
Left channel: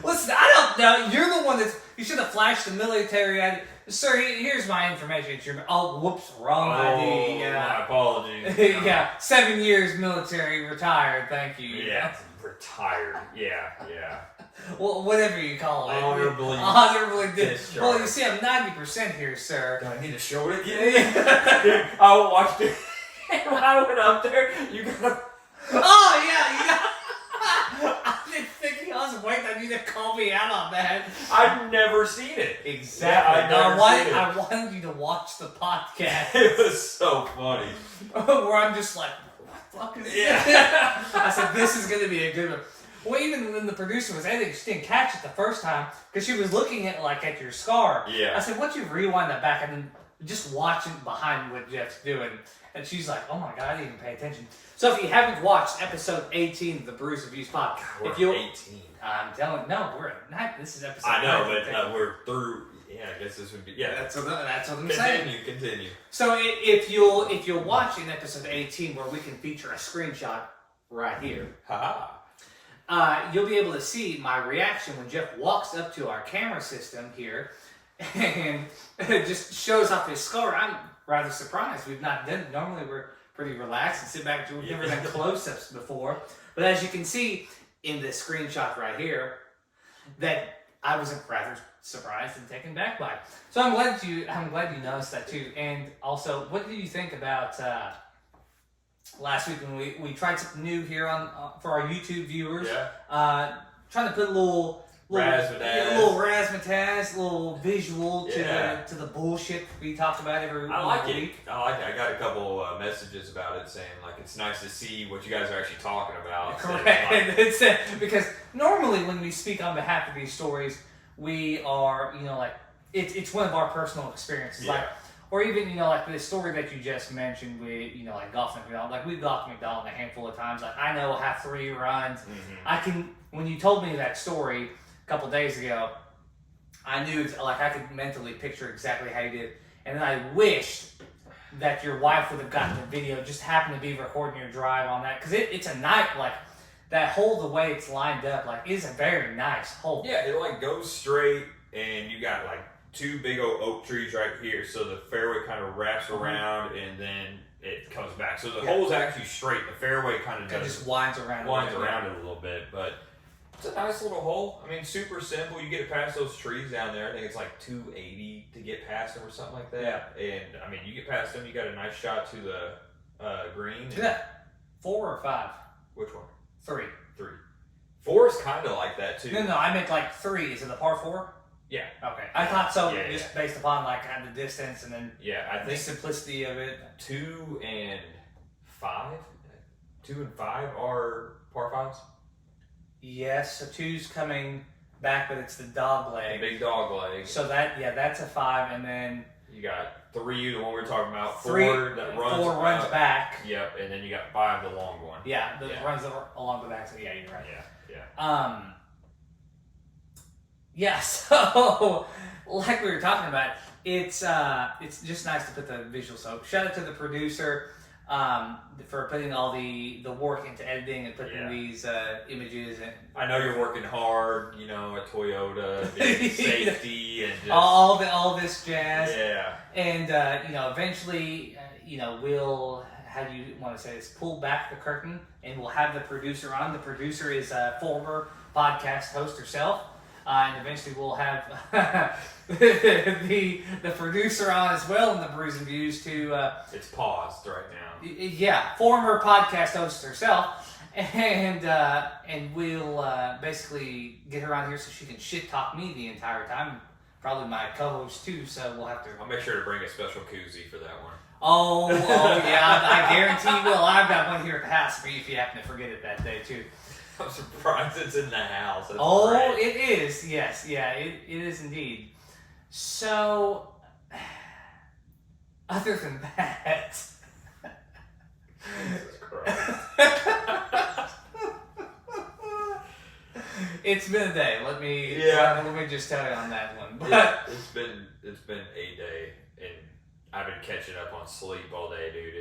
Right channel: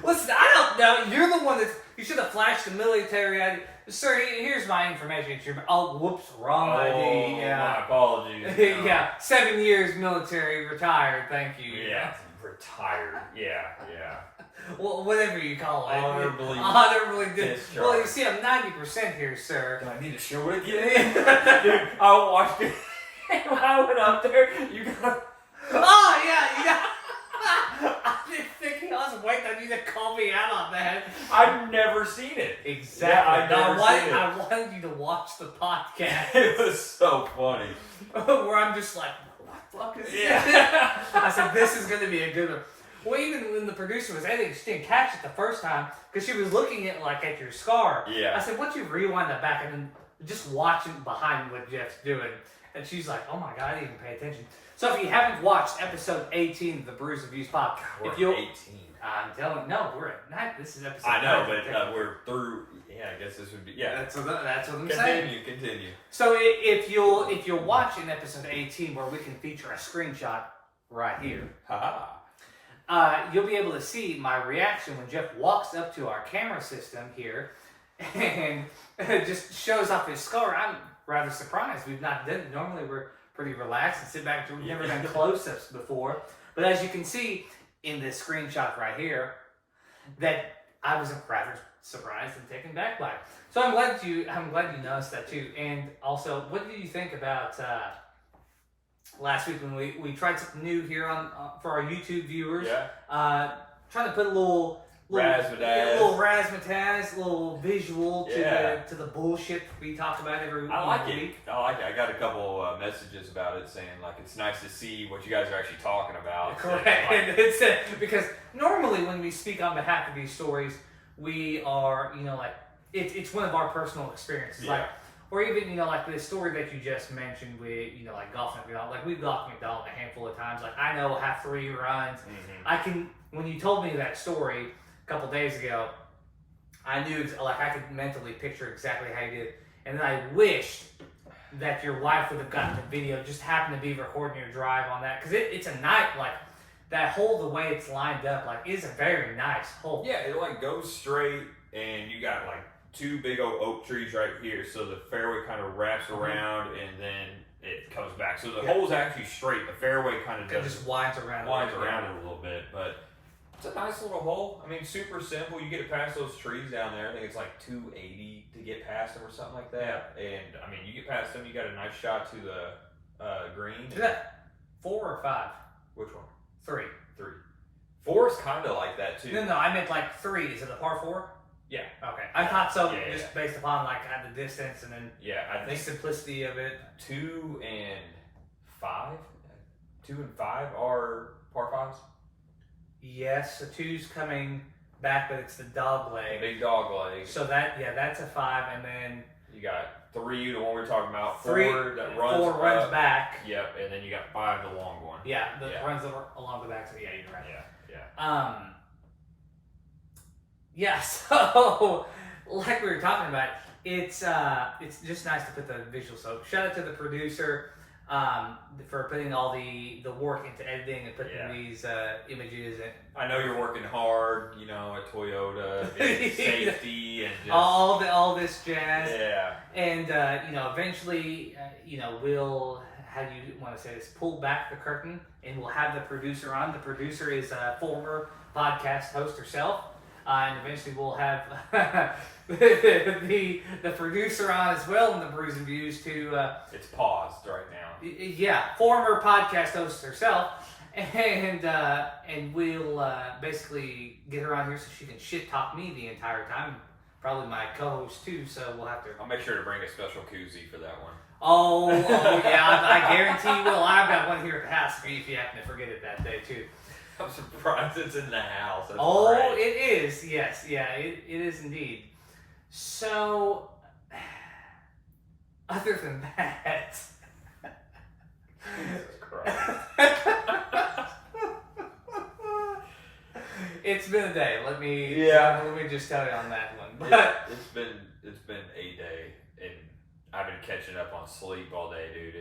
Listen, I don't know. You're the one you should have flashed the military ID. Sir, here's my information. Oh, whoops, wrong ID. Yeah. My apologies. Yeah, 7 years military, retired. Thank you. Yeah, retired. Yeah. Well, whatever you call it. Honorably discharged. Well, you see, I'm 90% here, sir. Do I need to show it again? Dude, I watched it. When I went up there, you got. Oh yeah. I didn't think I was waiting on you to call me out on that. I've never seen it. Exactly. Yeah, I wanted you to watch the podcast. It was so funny. Where I'm just like, what the fuck is this? I said, this is going to be a good one. Well, even when the producer was editing, she didn't catch it the first time because she was looking at your scar. Yeah. I said, "Once you rewind that back and then just watching behind what Jeff's doing," and she's like, "Oh my god, I didn't even pay attention." So if you haven't watched episode 18 of the Brews Views podcast, if you 18, I'm telling we're at 9. This is episode. I know, but we're through. Yeah, I guess this would be. Yeah, that's what I'm saying. Continue. So if you'll watch in episode 18 where we can feature a screenshot right here, you'll be able to see my reaction when Jeff walks up to our camera system here and just shows off his scar. I'm rather surprised. We've not done it. Normally we're pretty relaxed and sit back. We've never done close-ups before. But as you can see in this screenshot right here, that I was rather surprised and taken back by. So I'm glad you noticed that too. And also, what did you think about last week when we tried something new here on for our YouTube viewers? Yeah. Trying to put a little razzmatazz, a little visual to the bullshit we talk about every week. I like it. I got a couple messages about it saying like it's nice to see what you guys are actually talking about. Correct. And it's because normally when we speak on behalf of these stories, we are it's one of our personal experiences. Yeah. Or even, like this story that you just mentioned with, like golf McDonald. Like, we've golfed McDonald a handful of times. Like, I know how 3 runs. Mm-hmm. When you told me that story a couple days ago, I knew, I could mentally picture exactly how you did. And then I wished that your wife would have gotten the video, just happened to be recording your drive on that. Because it's a nice, that hole, the way it's lined up, is a very nice hole. Yeah, it, goes straight, and you got, 2 big old oak trees right here, so the fairway kind of wraps around and then it comes back. So the hole's actually straight. The fairway kind of just winds around it a little bit, but it's a nice little hole. I mean, super simple. You get it past those trees down there. I think it's 280 to get past them or something like that. Yeah. And I mean, you get past them, you got a nice shot to the green. Is that 4 or 5? Which one? 3. 4 is kind of like that too. No, I meant 3. Is it a par 4? Yeah. Okay. I thought so, just based upon the distance and then I think the simplicity of it. 2 and 5. 2 and 5 are par 5s. Yes. So 2's coming back, but it's the dog leg. The big dog leg. So that's a 5, and then you got 3, the one we were talking about. 3 that runs. 4 runs back. Yep, and then you got 5, the long one. Yeah, runs along the back. So you're right. Yeah. Yeah, so like we were talking about, it's just nice to put the visual. So shout out to the producer for putting all the work into editing and putting these images. And I know you're working hard, at Toyota, safety and just, all this jazz. Yeah. And eventually, we'll, how do you want to say this, pull back the curtain and we'll have the producer on. The producer is a former podcast host herself. And eventually we'll have the producer on as well in the Brews Views to... it's paused right now. Yeah, former podcast host herself. And we'll basically get her on here so she can shit talk me the entire time. Probably my co-host too, so we'll have to... I'll make sure to bring a special koozie for that one. Oh yeah, I guarantee you will. I've got one here at the house for you if you happen to forget it that day too. I'm surprised it's in the house. That's great. It is. Yes. Yeah, it is indeed. So, other than that... Jesus Christ. It's been a day. Let me just tell you on that one. But it's been a day, and I've been catching up on sleep all day, dude.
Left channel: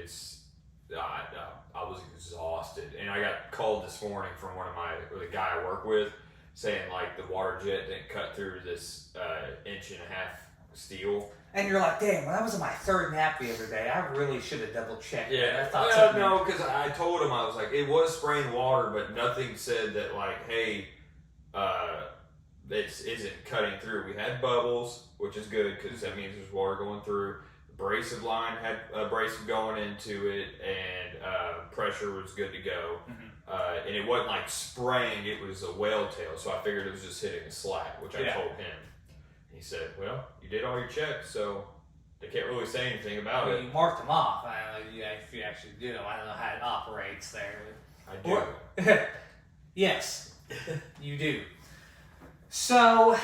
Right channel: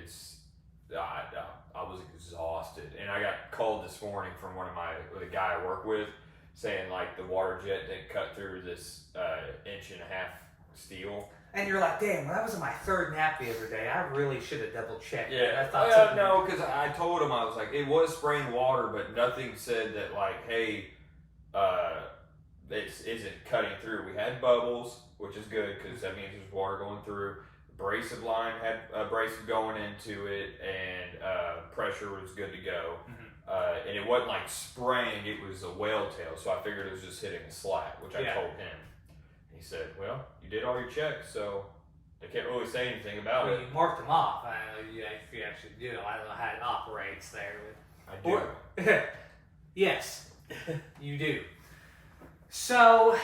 I was exhausted, and I got called this morning from the guy I work with, saying the water jet didn't cut through this 1.5 inch steel. And you're like, damn, when I was in my 3rd nap the other day, I really should have double checked. Yeah, I thought no, because I told him, I was like, it was spraying water, but nothing said that hey, this isn't cutting through. We had bubbles, which is good because that means there's water going through. Abrasive line had abrasive going into it, and pressure was good to go. Mm-hmm. And it wasn't spraying, it was a whale tail, so I figured it was just hitting a slat, which I told him. He said, well, you did all your checks, so they can't really say anything about it. You marked them off. I don't know if you actually do. I don't know how it operates there. I do. Yes. You do. So,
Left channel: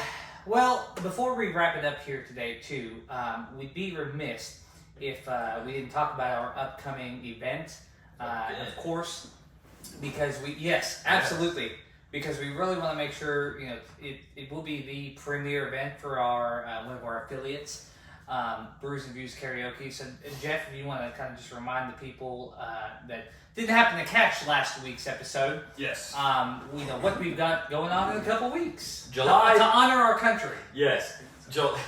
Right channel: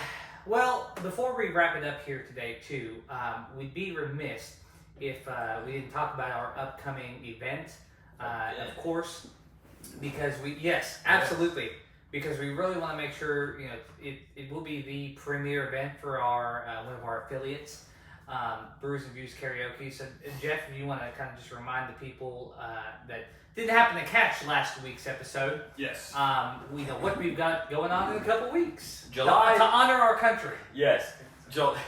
well, before we wrap it up here today, too, we'd be remiss if we didn't talk about our upcoming event, of course, because absolutely, because we really want to make sure, it will be the premier event for our one of our affiliates, Brews Views Karaoke. So, Jeff, if you want to kind of just remind the people that didn't happen to catch last week's episode. Yes. We know what we've got going on in a couple weeks. July to honor our country. Yes.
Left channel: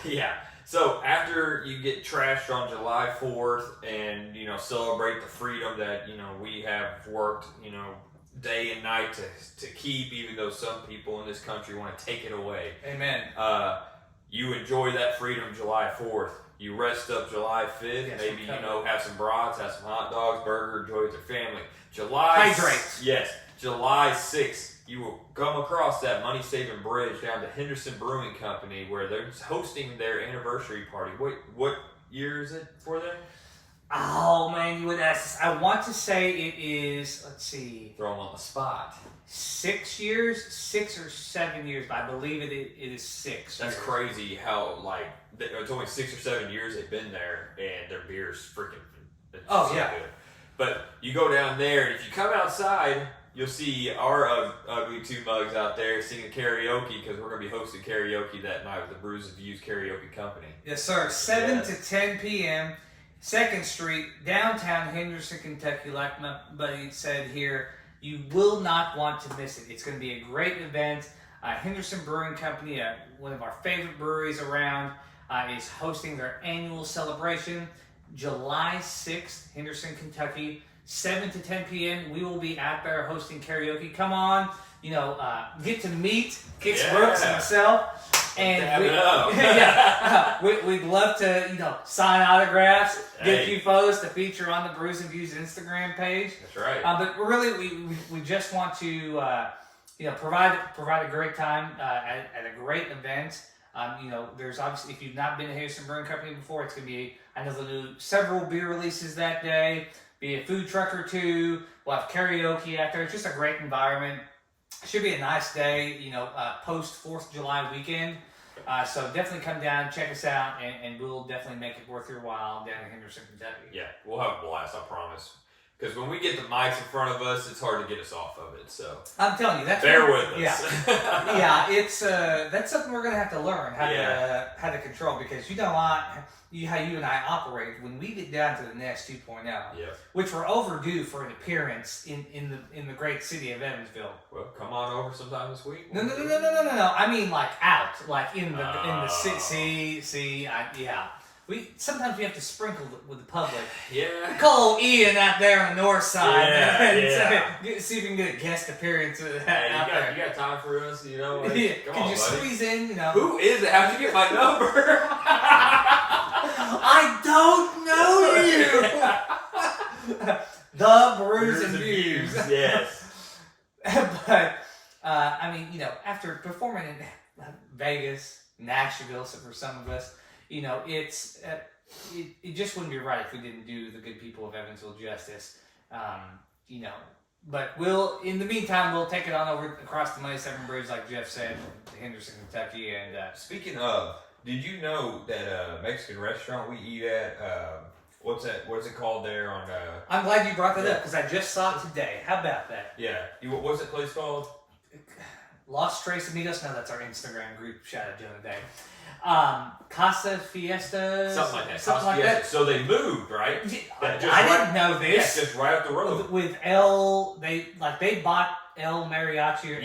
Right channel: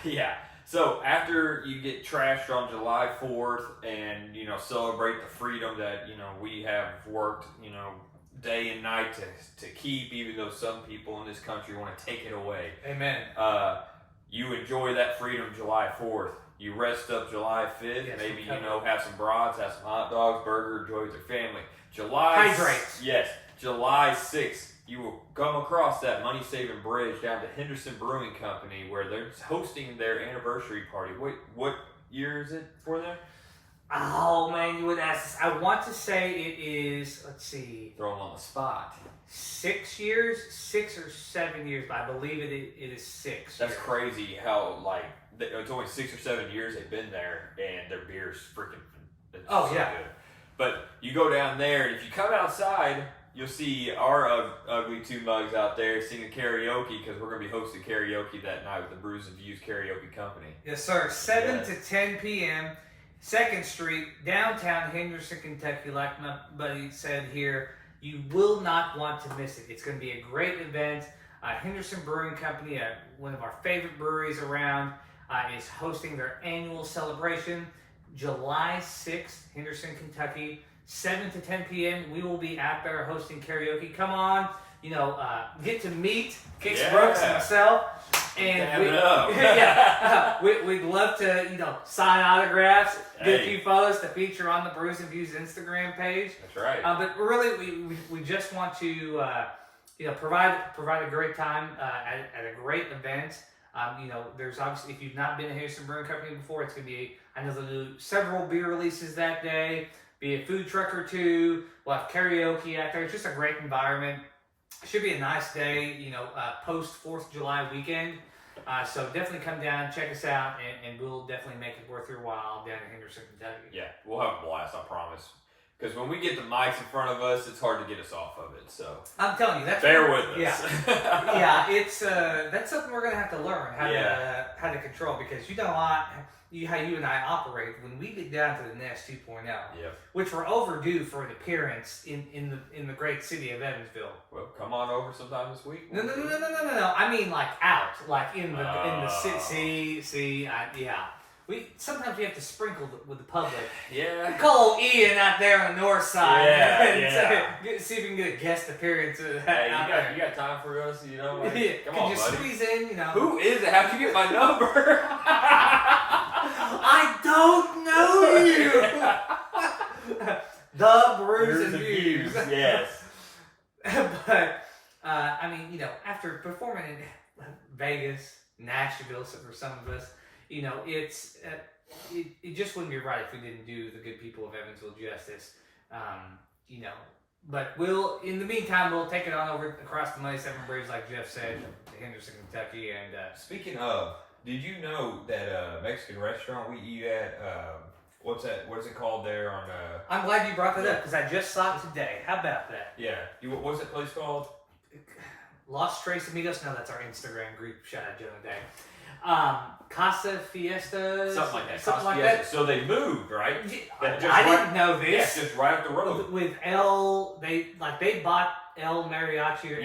Yeah. So after you get trashed on July 4th and, celebrate the freedom that, we have worked, day and night to keep, even though some people in this country want to take it away. Amen. You enjoy that freedom July 4th. You rest up July 5th, maybe, have some brats, have some hot dogs, burger, enjoy with your family. Hydrate. Yes. July 6th, you will come across that money-saving bridge down to Henderson Brewing Company where they're hosting their anniversary party. Wait, what year is it for them? Oh, man, you would ask this. I want to say it is, let's see. Throw them on the spot. 6 years, 6 or 7 years, but I believe it is 6 That's years. crazy how, it's only 6 or 7 years they've been there, and their beer's freaking good. But you go down there, and if you come outside, you'll see our ugly two mugs out there singing karaoke, because we're going to be hosting karaoke that night with the Brews Views Karaoke Company. Yes, sir. 7 to 10 p.m., 2nd Street, downtown Henderson, Kentucky. Like my buddy said here, you will not want to miss it. It's going to be a great event. Henderson Brewing Company, one of our favorite breweries around, is hosting their annual celebration. July 6th, Henderson, Kentucky, 7 to 10 p.m. We will be out there hosting karaoke. Come on, get to meet Kix Brooks himself. And we'd love to, sign autographs, get a few photos to feature on the Brews and Views Instagram page. That's right. But really, we just want to, provide a great time at a great event. There's obviously, if you've not been to Henderson Brewing Company before, it's going to be, I know they'll do several beer releases that day, be a food truck or two, we'll have karaoke out there. It's just a great environment. Should be a nice day, post 4th of July weekend. So definitely come down, check us out, and we'll definitely make it worth your while down in Henderson, Kentucky. Yeah, we'll have a blast, I promise. Because when we get the mics in front of us, it's hard to get us off of it. So I'm telling you, bear with us. Yeah, it's that's something we're gonna have to learn how to control, because how you and I operate when we get down to the Nest 2.0, which we're overdue for an appearance in the great city of Evansville. Well, come on over sometime this week. No. I mean, out, in the city. Sometimes we have to sprinkle with the public. Yeah. Call Ian out there on the north side. See if we can get a guest appearance. You got time for us? Come on, buddy. Squeeze in? Who is it? How'd you get my number? I don't know you. The Brews and Views. Yes. But after performing in Vegas, Nashville, so for some of us, it's it just wouldn't be right if we didn't do the good people of Evansville justice. But in the meantime, we'll take it on over across the Money 7 Bridge, like Jeff said, to Henderson, Kentucky. And speaking of, did you know that Mexican restaurant we eat at? What's it called there on? I'm glad you brought that up, because I just saw it today. How about that? Yeah. What's that place called? Los Tres Amigos. No, that's our Instagram group. Shout out Joe and Dave. Casa Fiesta, something like that. So they moved, right? I didn't know this. Yeah, just right up the road. With they bought El Mariachi or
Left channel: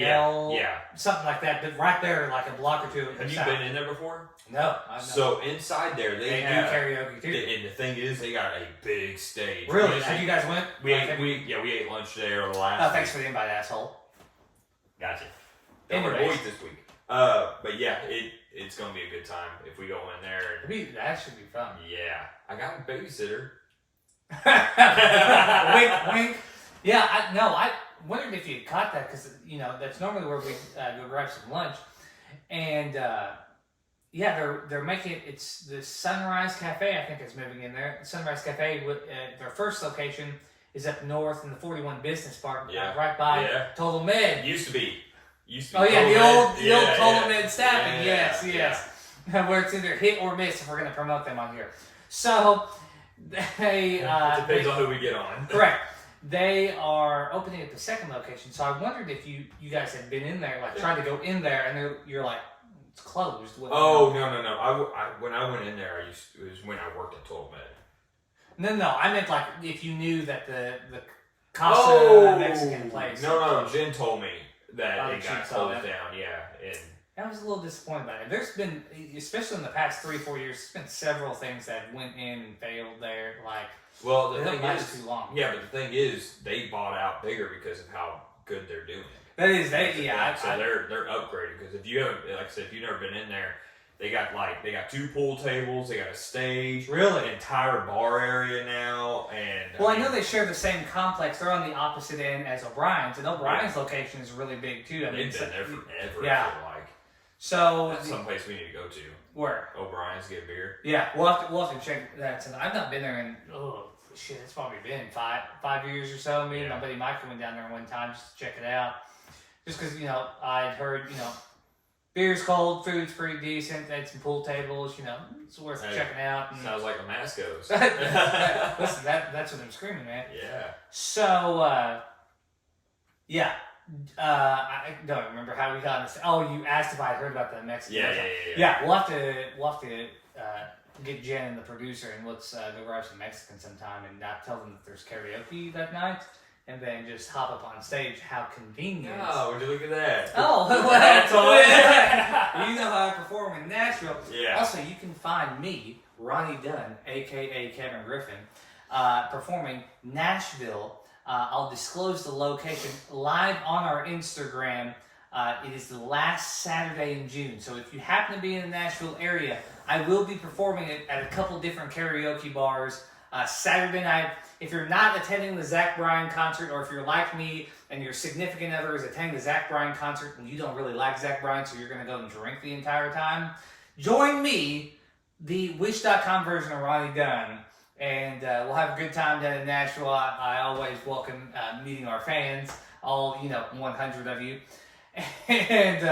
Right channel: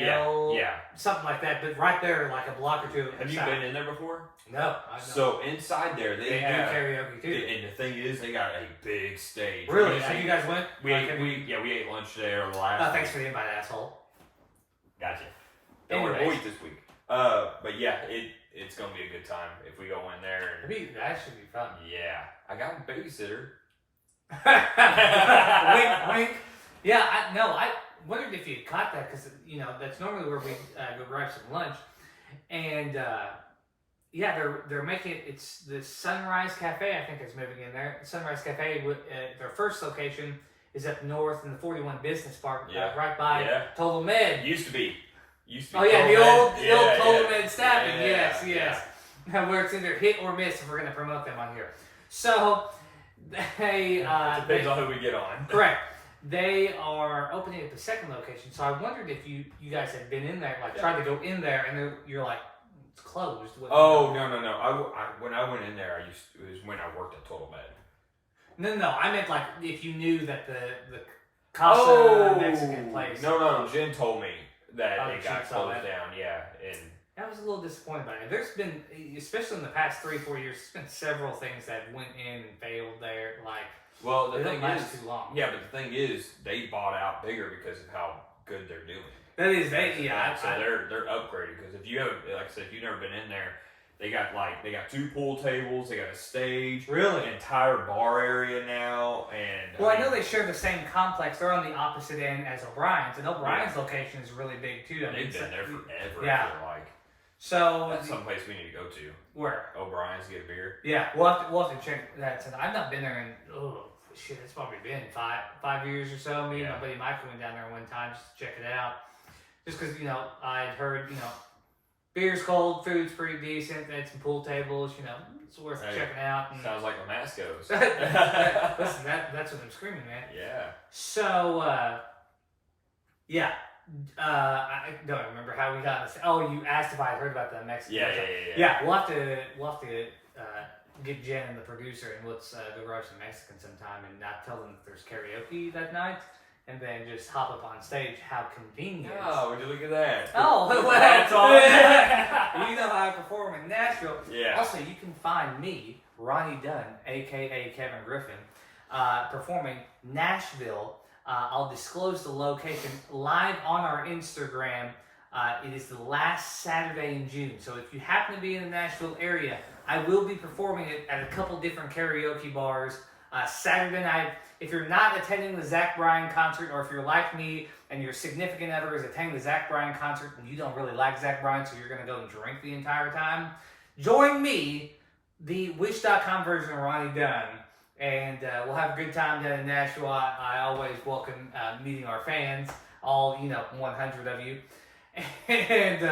something like that, but right there, like a block or two. Have you been in there before? No. So inside there, they do karaoke too. And the thing is, they got a big stage. Really? So you guys went? We ate lunch there the last. Thanks for the invite, asshole. Gotcha. Don't worry, we'll eat this week. But yeah, it's gonna be a good time if we go in there. That should be fun. Yeah, I got a babysitter. Wink, wink. Yeah, I wondered if you caught that, because that's normally where we go grab some lunch, and they're making it. It's the Sunrise Cafe, I think, is moving in there. Sunrise Cafe, their first location is up north in the 41 Business Park, right by Total Med. Used to be. Used to be the old Coleman Staffing. Yes. Where it's either hit or miss if we're going to promote them on here. So they it depends on who we get on. Correct. They are opening up a second location. So I wondered if you guys had been in there, tried to go in there, and you're like, it's closed. No. When I went in there, it was when I worked at Total Med. No. I meant if you knew that the Casa Mexican place. No. Jen told me that it got closed down. Yeah, and I was a little disappointed by it. There's been, especially in the past 3-4 years, there's been several things that went in and failed there. Well, the thing is too long. Yeah, but the thing is, they bought out bigger because of how good they're doing. That is, they're upgrading because if you haven't, like I said, if you've never been in there, they got 2 pool tables, they got a stage, really, an entire bar area now, and I know they share the same complex. They're on the opposite end as O'Brien's, and O'Brien's location is really big too. They've been there forever. Yeah. I feel like. So that's someplace we need to go to. Where? O'Brien's, get beer. Yeah, we'll have to check that. And I've not been there in it's probably been 5 years or so. Me and my buddy Mike went down there one time just to check it out. Just because I'd heard beer's cold, food's pretty decent. They had some pool tables. It's worth checking out. And sounds like a Masco's. Listen, that's what I'm screaming, man. Yeah. So I don't remember how we got this. Oh, you asked if I had heard about the Mexican. Yeah. We'll have to get Jen and the producer and let's go grab some Mexican sometime and not tell them that there's karaoke that night, and then just hop up on stage. How convenient! Oh, would you look at that? Oh, that's all. You know how I perform in Nashville. Yeah. Also, you can find me, Ronnie Dunn, aka Kevin Griffin, performing Nashville. I'll disclose the location live on our Instagram. It is the last Saturday in June. So if you happen to be in the Nashville area, I will be performing it at a couple different karaoke bars Saturday night. If you're not attending the Zach Bryan concert, or if you're like me and your significant other is attending the Zach Bryan concert and you don't really like Zach Bryan, so you're going to go and drink the entire time, join me, the Wish.com version of Ronnie Dunn. And we'll have a good time down in Nashville. I always welcome meeting our fans, all 100 of you. And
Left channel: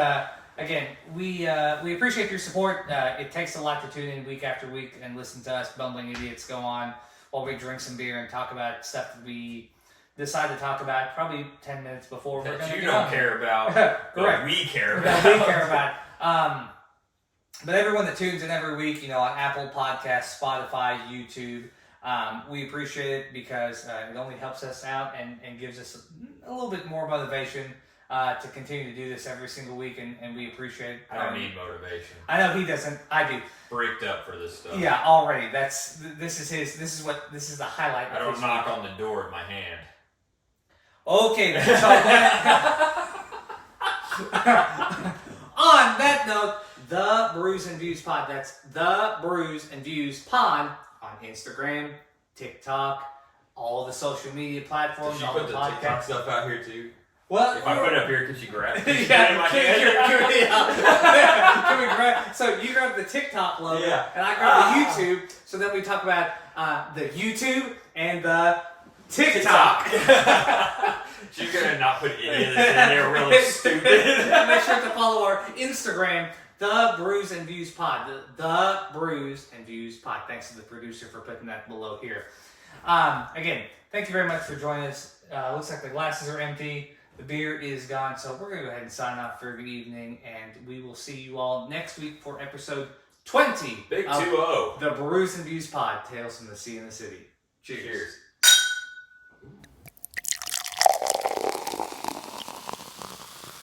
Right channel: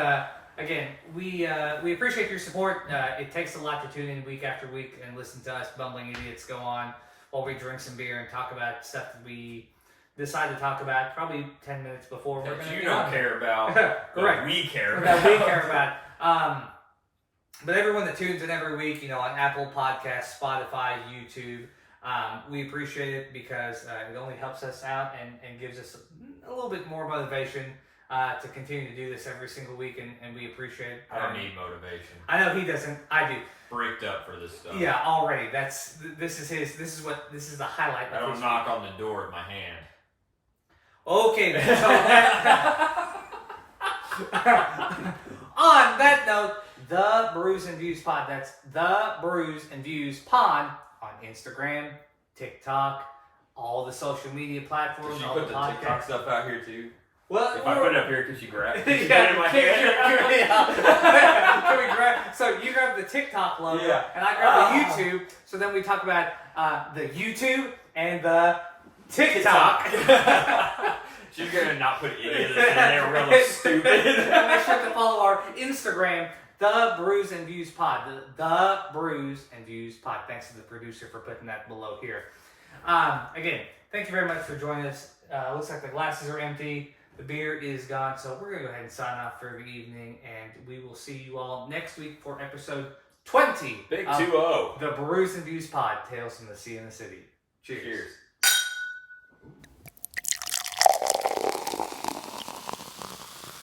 again, we appreciate your support. It takes a lot to tune in week after week and listen to us bumbling idiots go on while we drink some beer and talk about stuff that we decide to talk about probably 10 minutes before we're going to get on. Care about. Correct. We care about. That we care about. But everyone that tunes in every week, on Apple Podcasts, Spotify, YouTube, we appreciate it because it only helps us out and gives us a little bit more motivation to continue to do this every single week, and we appreciate it. I don't need motivation. I know he doesn't. I do. Bricked up for this stuff. Yeah, already. This is the highlight. I don't knock on the door with my hand. Okay, then. So on that note, the Brews and Views Pod. That's the Brews and Views Pod on Instagram, TikTok, all the social media platforms. Did she put the TikTok stuff out here too? Well, if I put it up here, can she grab it? Yeah, in my hand? Can we grab? So you grab the TikTok logo, and I grab the YouTube. So then we talk about the YouTube and the TikTok. She's gonna not put any of this in there. Really stupid. And make sure to follow our Instagram, the Brews and Views Pod. The Brews and Views Pod. Thanks to the producer for putting that below here. Again, thank you very much for joining us. Looks like the glasses are empty. The beer is gone, so we're going to go ahead and sign off for the evening, and we will see you all next week for episode 20. Big 2-0. The Brews and Views Pod, Tales from the Sea and the City. Cheers.